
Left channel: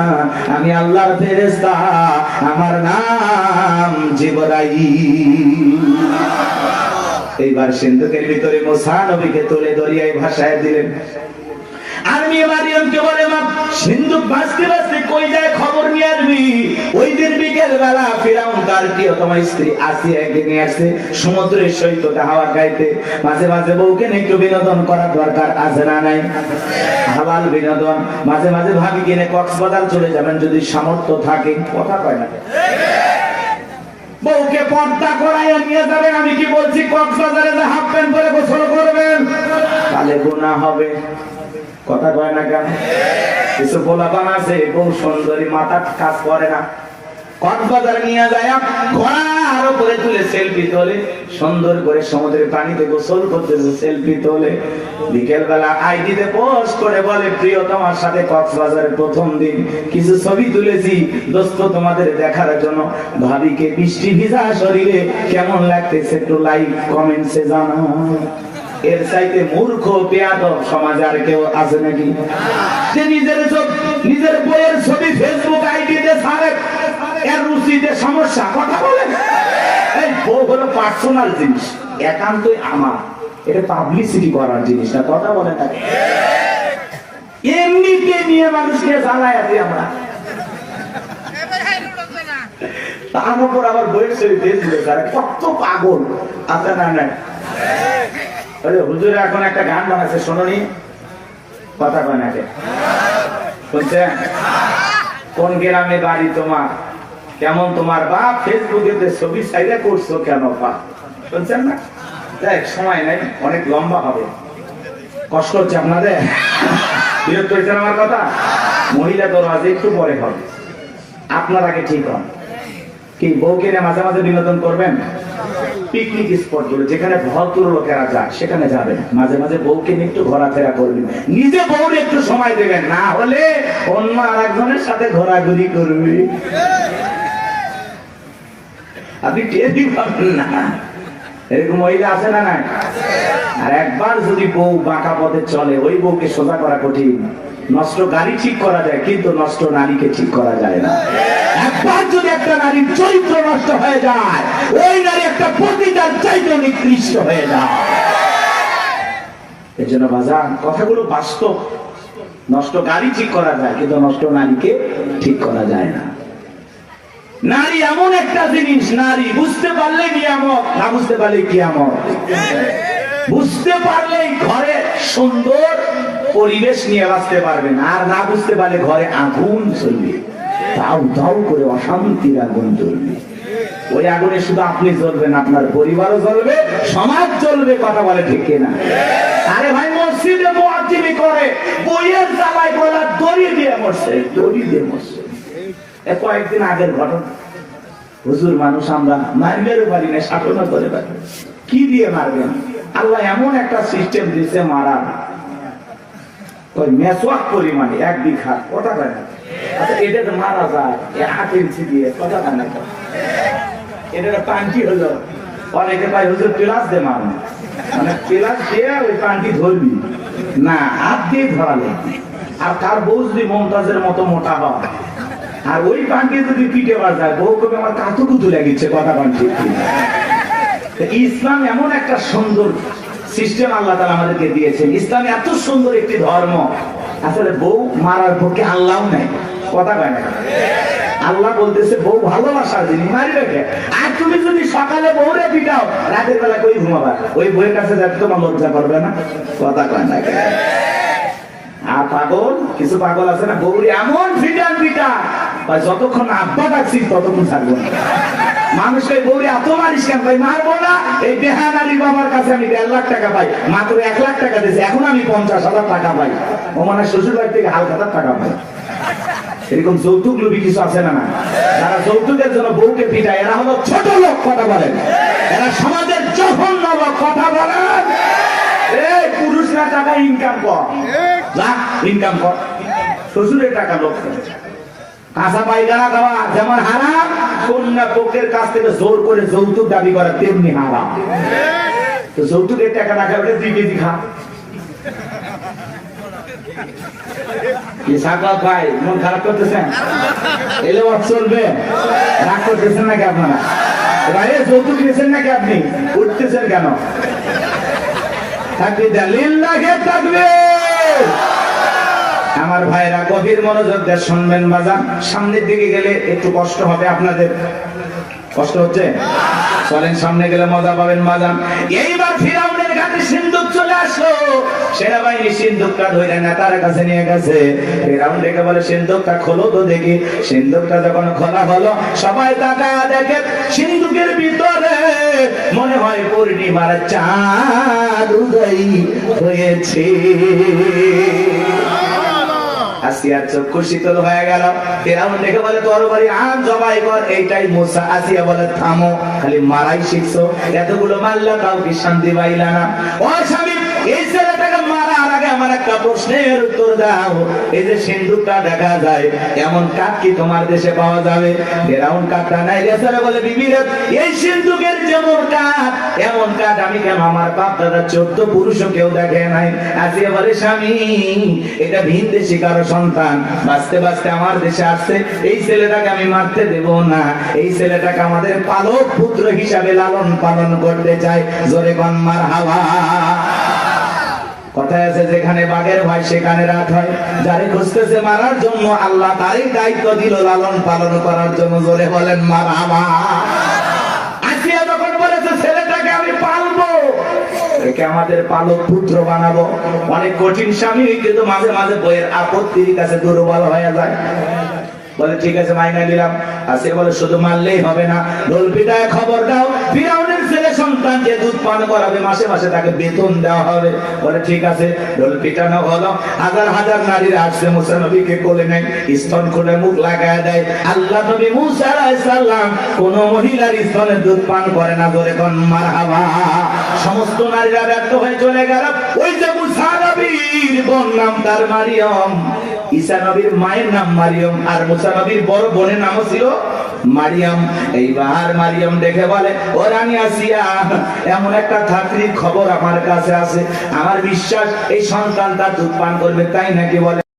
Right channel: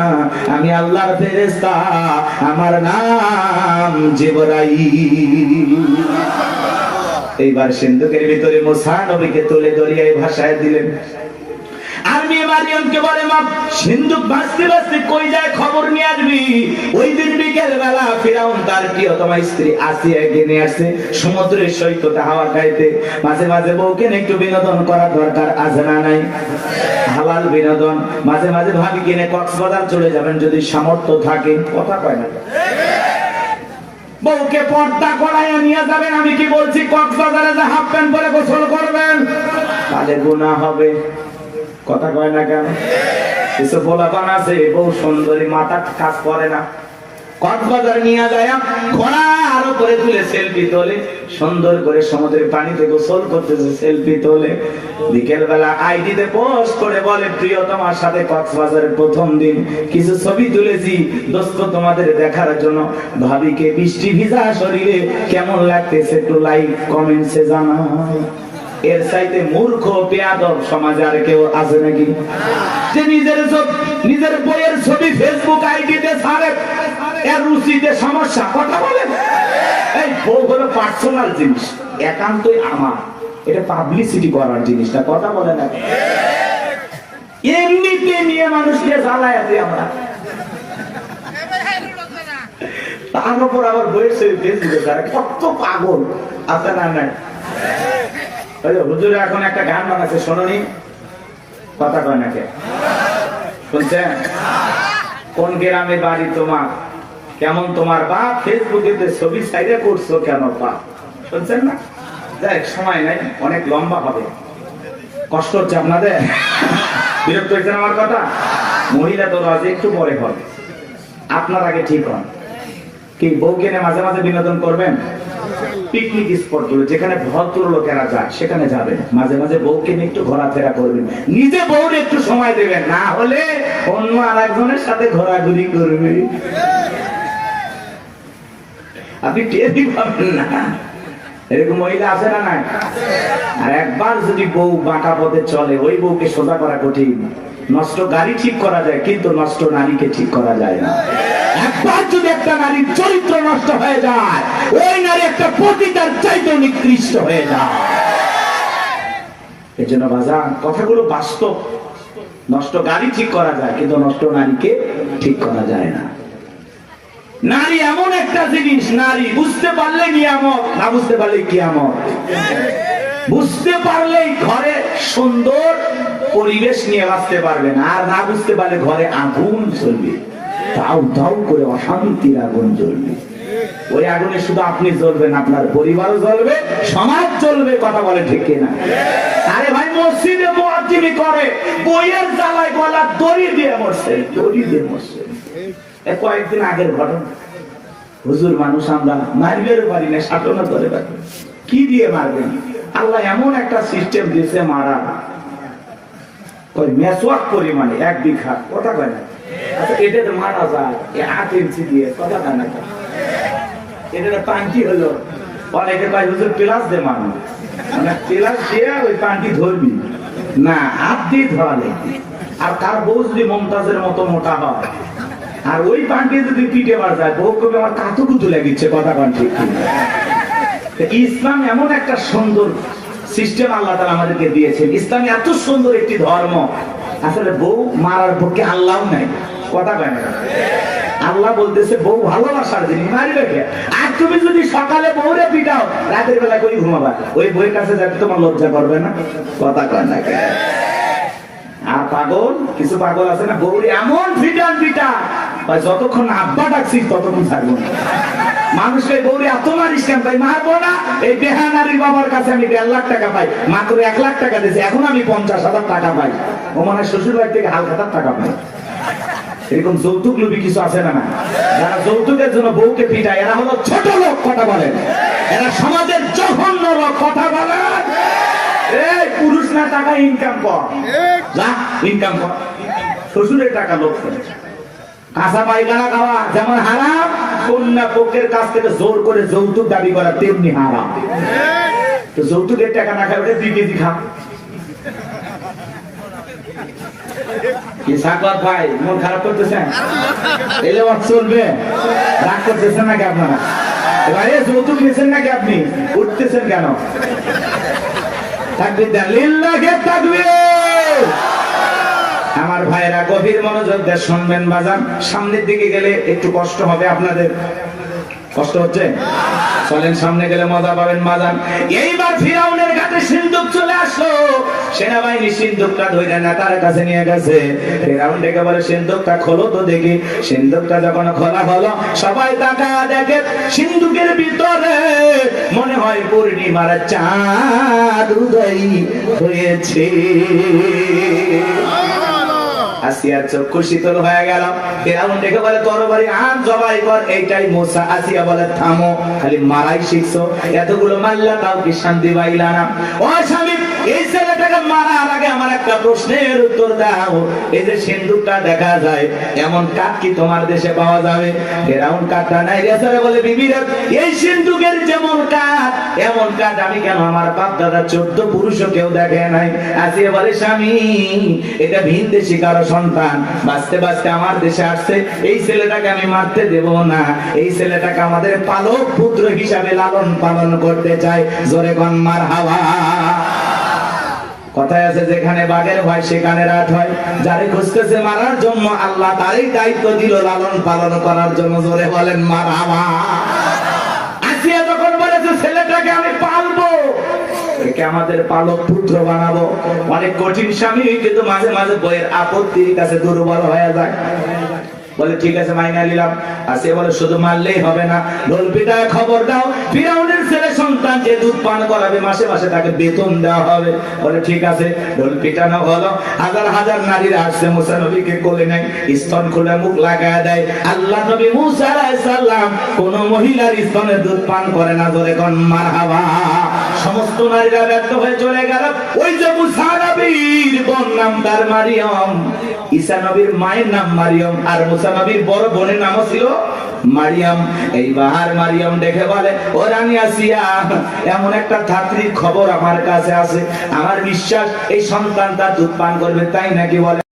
আমি আল্লাহর ফেরেশতা, আমার নাম জিবরাইল। এইবার সিন্ধুকের ভিতরে মুসা নবীকে তুলে দরিয়ায় ভাসায় দিলেন। আর মেয়ে মারিয়মকে বলে, মা সিন্ধুক ভাসতে ভাসতে কই যায় খবর নিয়ে আসবি। ওই দিন বিকেল বেলা ফিরাউন তার প্রিয়তমা স্ত্রী আসিয়াকে নিয়ে আসছে সমুদ্রের সৈকতে হাওয়া খাইতে। মাঝে মাঝে বউকে একটু বিনোদন করা দরকার, আছে না নাই? হালাল বিনোদন। মাঝে মাঝে ভাবি কিনে কক্সবাজার চলে যাবেন যদি সামর্থ্য থাকে, কথা কয় না? বউকে পর্দা করাইয়া নিয়ে যাবেন। আমি কি বলছি, কক্সবাজারে যে হাফ প্যান্ট পরে গোসল করবেন, তাহলে গুনাহ হবে, কথা কয় না কেন? কিছু পোলাপান আছে বউ সুন্দরী, মাথা কাজ করে না, কক্সবাজার নিয়ে যায় ঘোড়ার উপরে তুলে সেলফি তোলে, সুন্দর করে সমুদ্রের পানিতে গোসল করতে সেলফি তোলে। বিকেল বেলা আইডিতে পোস্ট করে বলে, প্রিয়তমার সাথে কক্সবাজারের প্রথম দিন কিছু ছবি তুলেছি দোস্ত তোমাদের দেখার জন্য, ভাবিকে বৃষ্টি ভিজা শরীরে কেমন লাগতেছে একটু লাইক কমেন্টসে জানাও। এর চাইতে মূর্খ বেয়াদব সমাজ আর কেউ আছে নাকি? যে নিজের বইয়ের ছবি ফেসবুক আইডিতে ছাড়ে, এর রুচিতে সমস্যা, কথা বলে। এই বউ হলো পার্সোনাল জিনিস, একান্তই আমার, এটা পাবলিসিটি করার জিনিস না, কথা বলে না। এমনিতে নিয়ে মানুষকে জ্বালায় আছি আমরা, তার উপর আবার বইয়ের ছবি ফেসবুকে ছাড়ে, কত পাগল আছে না? না হুজুর এখন একটা গান বানাচ্ছে, শোনি, কথা কয় নাকি? শুনছেন? কোন গ্রামে বাড়ি তোমার, কেমন তোমার বাপ, ফেসবুকে ছবি সাইডে করছো কেন বাপ, শুনছেন না? দেখ সময় নাই, অনেক লম্বা হবে, কষ্ট হচ্ছে আপনাদের, বিরক্ত হয়েছেন আমার কথা? মহিলা দল আজ একটু পরে হবে, আপনার আগে ঠিক হন। কি বউকে মাঝে মাঝে বিনোদন করবেন? পিকনিক স্পট গুলো যেখানে ভদ্র লোকেরা যায় সেখানে যাবেন, মাঝে মাঝে বউকে নিয়ে একটু ঘোরাফেরা করবেন, নিজে বউরে একটু সময় দেবেন, না হলে অন্য আরেকজনের সাথে ঘোরাঘুরি করবেন, আপনি টেরই পাবেন না। এরকম মহিলা আছে না নাই? আর একবার যদি বউ বাঁকা পথে চলে, ওই বউকে সোজা করা কঠিন। নষ্ট গাড়ি ঠিক করা যায়, কিন্তু নষ্ট নারীকে ঠিক করা যায় না। একবার যদি একটা নারীর চরিত্র নষ্ট হয়ে যায়, ওই নারী একটা পতিতার চাইতেও নিকৃষ্ট হয়ে যায়। এর জন্য বাজার কথাগুলো বাস্তব। নষ্ট গাড়ি ঠিক করা যায়, কিন্তু নষ্ট নারীকে ঠিক করা যায় না। নারী এমন একটা জিনিস, নারী বুঝতে পারলে নিয়ামত, না বুঝতে পারলে কিয়ামত। বুঝতে পারলেই ঘরে সুন্দর পরিবেশ নিয়ে বাঁচতে পারবেন, আর না বুঝতে পারলে ঘরে আগুন চলবে, দাউ দাউ করে অশান্তির আগুন জ্বলবে। ওই আগুনে শুধু আপনি জ্বলবেন, আপনার পরিবারও জ্বলবে, সমাজ জ্বলবে। কথা বলে ঠিক কিনা? আরে ভাই, মসজিদে মুয়াজ্জিনি করে, বইয়ের জ্বালায় গলা দড়ি দিয়ে মরছে, দড়ি দিয়ে মরছে। কয়েকদিন আগের ঘটনা, হুজুর মানুষ আমরা মারবেও পারি না, শাসনও করে পারি, কি দিয়ে মারবেন? আল্লাহ এমন একটা সিস্টেম দিয়েছে মারা, ওই মেসওয়াক করি মানে 1 বিঘা, কথা কেন? আচ্ছা এটা তো মারা যায় 8 ইঞ্চি দিয়ে, কথা কেন? এটা পান্টি হলো, অনেকে পাই হুজুর প্লাস দিয়ে মারো, মানে প্লাস দিয়ে ওই পান্টি ধরবি না, হাত দিয়ে ধরালে। আর তার বউ যদি মমতাজের মতো মোটা হয়, আর ওই পান্টি যদি পিঠে মার যায়, বউ কবি আমার কাতুকুতু লেগেছে, কথা পান ঠিক। ইসলাম এমন একটা সুন্দর সিস্টেম আল্লাহ তাআলা আমাদেরকে দিয়েছেন। ইসলাম এত সুন্দর একটি ধর্ম, আসলে বউ মারার পক্ষে আল্লাহ নাই, কথা কেন? আল্লাহ বলতেছে বউ ভালোবাসার জিনিস, নারী রেখে। আর তুমি যদি সকালে বউরে পিটাও, রাতের বেলা কই ঘুমাবা? ওই বউয়ের কাছে যাতে তোমার লজ্জা করবে না, কথা কেন? আর পাগল, কিছু পাগল আছে না, বউরে এমন পিটান পিটা, যতক্ষণ আব্বা ডাকছিস ততক্ষণ ছাড়বো না। মানুষের গৌরী এত মারিস কেন? তাই মারবো না। এই বেহানারি বাবার কাছে আমি 1.5 লাখ টাকা পাই, মাত্র 1 লাখ টাকা দিয়েছে, এখন আমি 50,000 টাকা পাই। ও মানে শ্বশুর বাড়ি থেকে হালখাতার টাকা পাই। এরকম যৌতুক লোভী কিছু আছে না? যারা যৌতুকের জন্য বউকে পিটায়, এরা হলো ছোট লোক, কথা বলেন। এরা সমাজের জঘন্য লোক, কথা বলেন। এই পুরুষ না টাকা ইনকাম কর, যা ইনকাম কর, শ্বশুরের টাকা লোক। কাঁচা পায়খানা খাওয়া যেমন হারাম, কন্যা পক্ষের কাছ থেকে জোর করে যৌতুক দাবি করা তেমনি হারাম। তো যৌতুকের টাকা না খাওয়া 2 কেজি খা। কি সাকলাত ভাই, মন খারাপ করতেছেন? এই লোক চলবে, রাগ করতেছেন নাকি আপনারা? এবারে যৌতুক নিয়েছেন নাকি আপনি? উঠতেছেন কেন? তাকবীর দেন, লিল্লাহি তাকবীর। আমার ভাইরা গভীর মনোযোগ দিয়ে শুনবেন বাজান। সামনের দিকে গেলে একটু কষ্ট হবে আপনাদের, কষ্ট হচ্ছে? চলেন সামনে গেলে মজা পাবেন বাজান। এইবার ফিরাউনের কাছে সিন্ধুক চলে আসলো, সেনাবাহিনী সিন্ধুকটা ধরে নেতার কাছে নিয়ে গেছে। ফিরাউন ডেকে বলে, সিন্ধুকটা খোলো তো দেখি। সিন্ধুকটা যখন খোলা হলো, সবাই তাকায়া দেখে সিন্ধুকের ভিতরে মনে হয় পূর্ণিমার চাঁদ উদয় হয়েছে। আসিয়ার চক্ষু শীতল হয়ে গেল। ফিরাউন দেখে বলে, তরবারি আন, জবাই কর। এইটাই মুসা। আসিয়া বলে, থামো, খালি মারাই শিখছো, এতগুলো মারলা তাও কি শান্তি পাইলা না? ও স্বামী, এই ছেলেটাকে মারার আগে আমার একটা প্রশ্নের উত্তর দাও। এই যে সিন্ধুকটা দেখা যায়, এমন কাঠ কি তোমার দেশে পাওয়া যাবে? ফিরাউন কাঠটা নাই গেছে, বলে, বিবি রে, এই সিন্ধুকের যেমন কাঠ, এমন কাঠ আমি কেন আমার বাপ দাদা 14 পুরুষও কেউ দেখে নাই। আসিয়া বলে, স্বামী, এটা ভিন দেশি কারো সন্তান, বাঁচতে বাঁচতে আমার দেশে আসছে, এই ছেলেটাকে আমি মারতে দেব না। এই ছেলেটাকে আমাদের পালক পুত্র হিসাবে লালন পালন করতে চাই। জোরে কোন মারহাবা। কথায় আছে, যেখানে বাঘের ভয় সেখানে রাত হয়। যারে খুঁজতেছে মারার জন্য, আল্লাহ তারই দায়িত্ব দিল লালন পালন করার জন্য। জোরে বলেন মারহাবা। আসিয়া যখন বলেছে, ছেলেটাকে আমি পালবো, একে আমাদের পালক পুত্র বানাবো। অনেক কঠিন স্বামী, কিন্তু মাঝে মাঝে বইয়ের আপত্তির কাছে দুর্বল হয়ে যায়। বলে ঠিক আছে মাইনা নিলাম। আসে বলে শুধু মারলেই হবে না, ঢোল পিটায় খবর দাও ফিরাউনের ছেলে সন্তান যে দুধ পান করাবে মাসে মাসে তাকে বেতন দেওয়া হবে। বলে ঠিক আছে, ঢোল পিটানো হলো। হাজার হাজার নারীরা আসছে, মুসা নবীকে কোলে নেয়, স্তন খুলে মুখ লাগায় দেয়। আল্লাহ নবী মুসা আলাইহিস সালাম কোন মহিলার স্তনে দুধ পান করে না, বলে কোন মারহাবা। সমস্ত নারীরা ব্যর্থ হয়ে চলে গেল। ওই যে মুসা নবীর বোন নাম তার মারিয়ম, ঈসা নবীর মায়ের নাম মারিয়ম, আর মুসা নবীর বড় বোনের নামও ছিল মারিয়াম। এইবার মারিয়াম দেখে বলে, ও রানী আসিয়া, এমন একটা ধাত্রীর খবর আমার কাছে আছে, আমার বিশ্বাস এই সন্তানটা দুধ পান করবে, তাই নাকি? বলে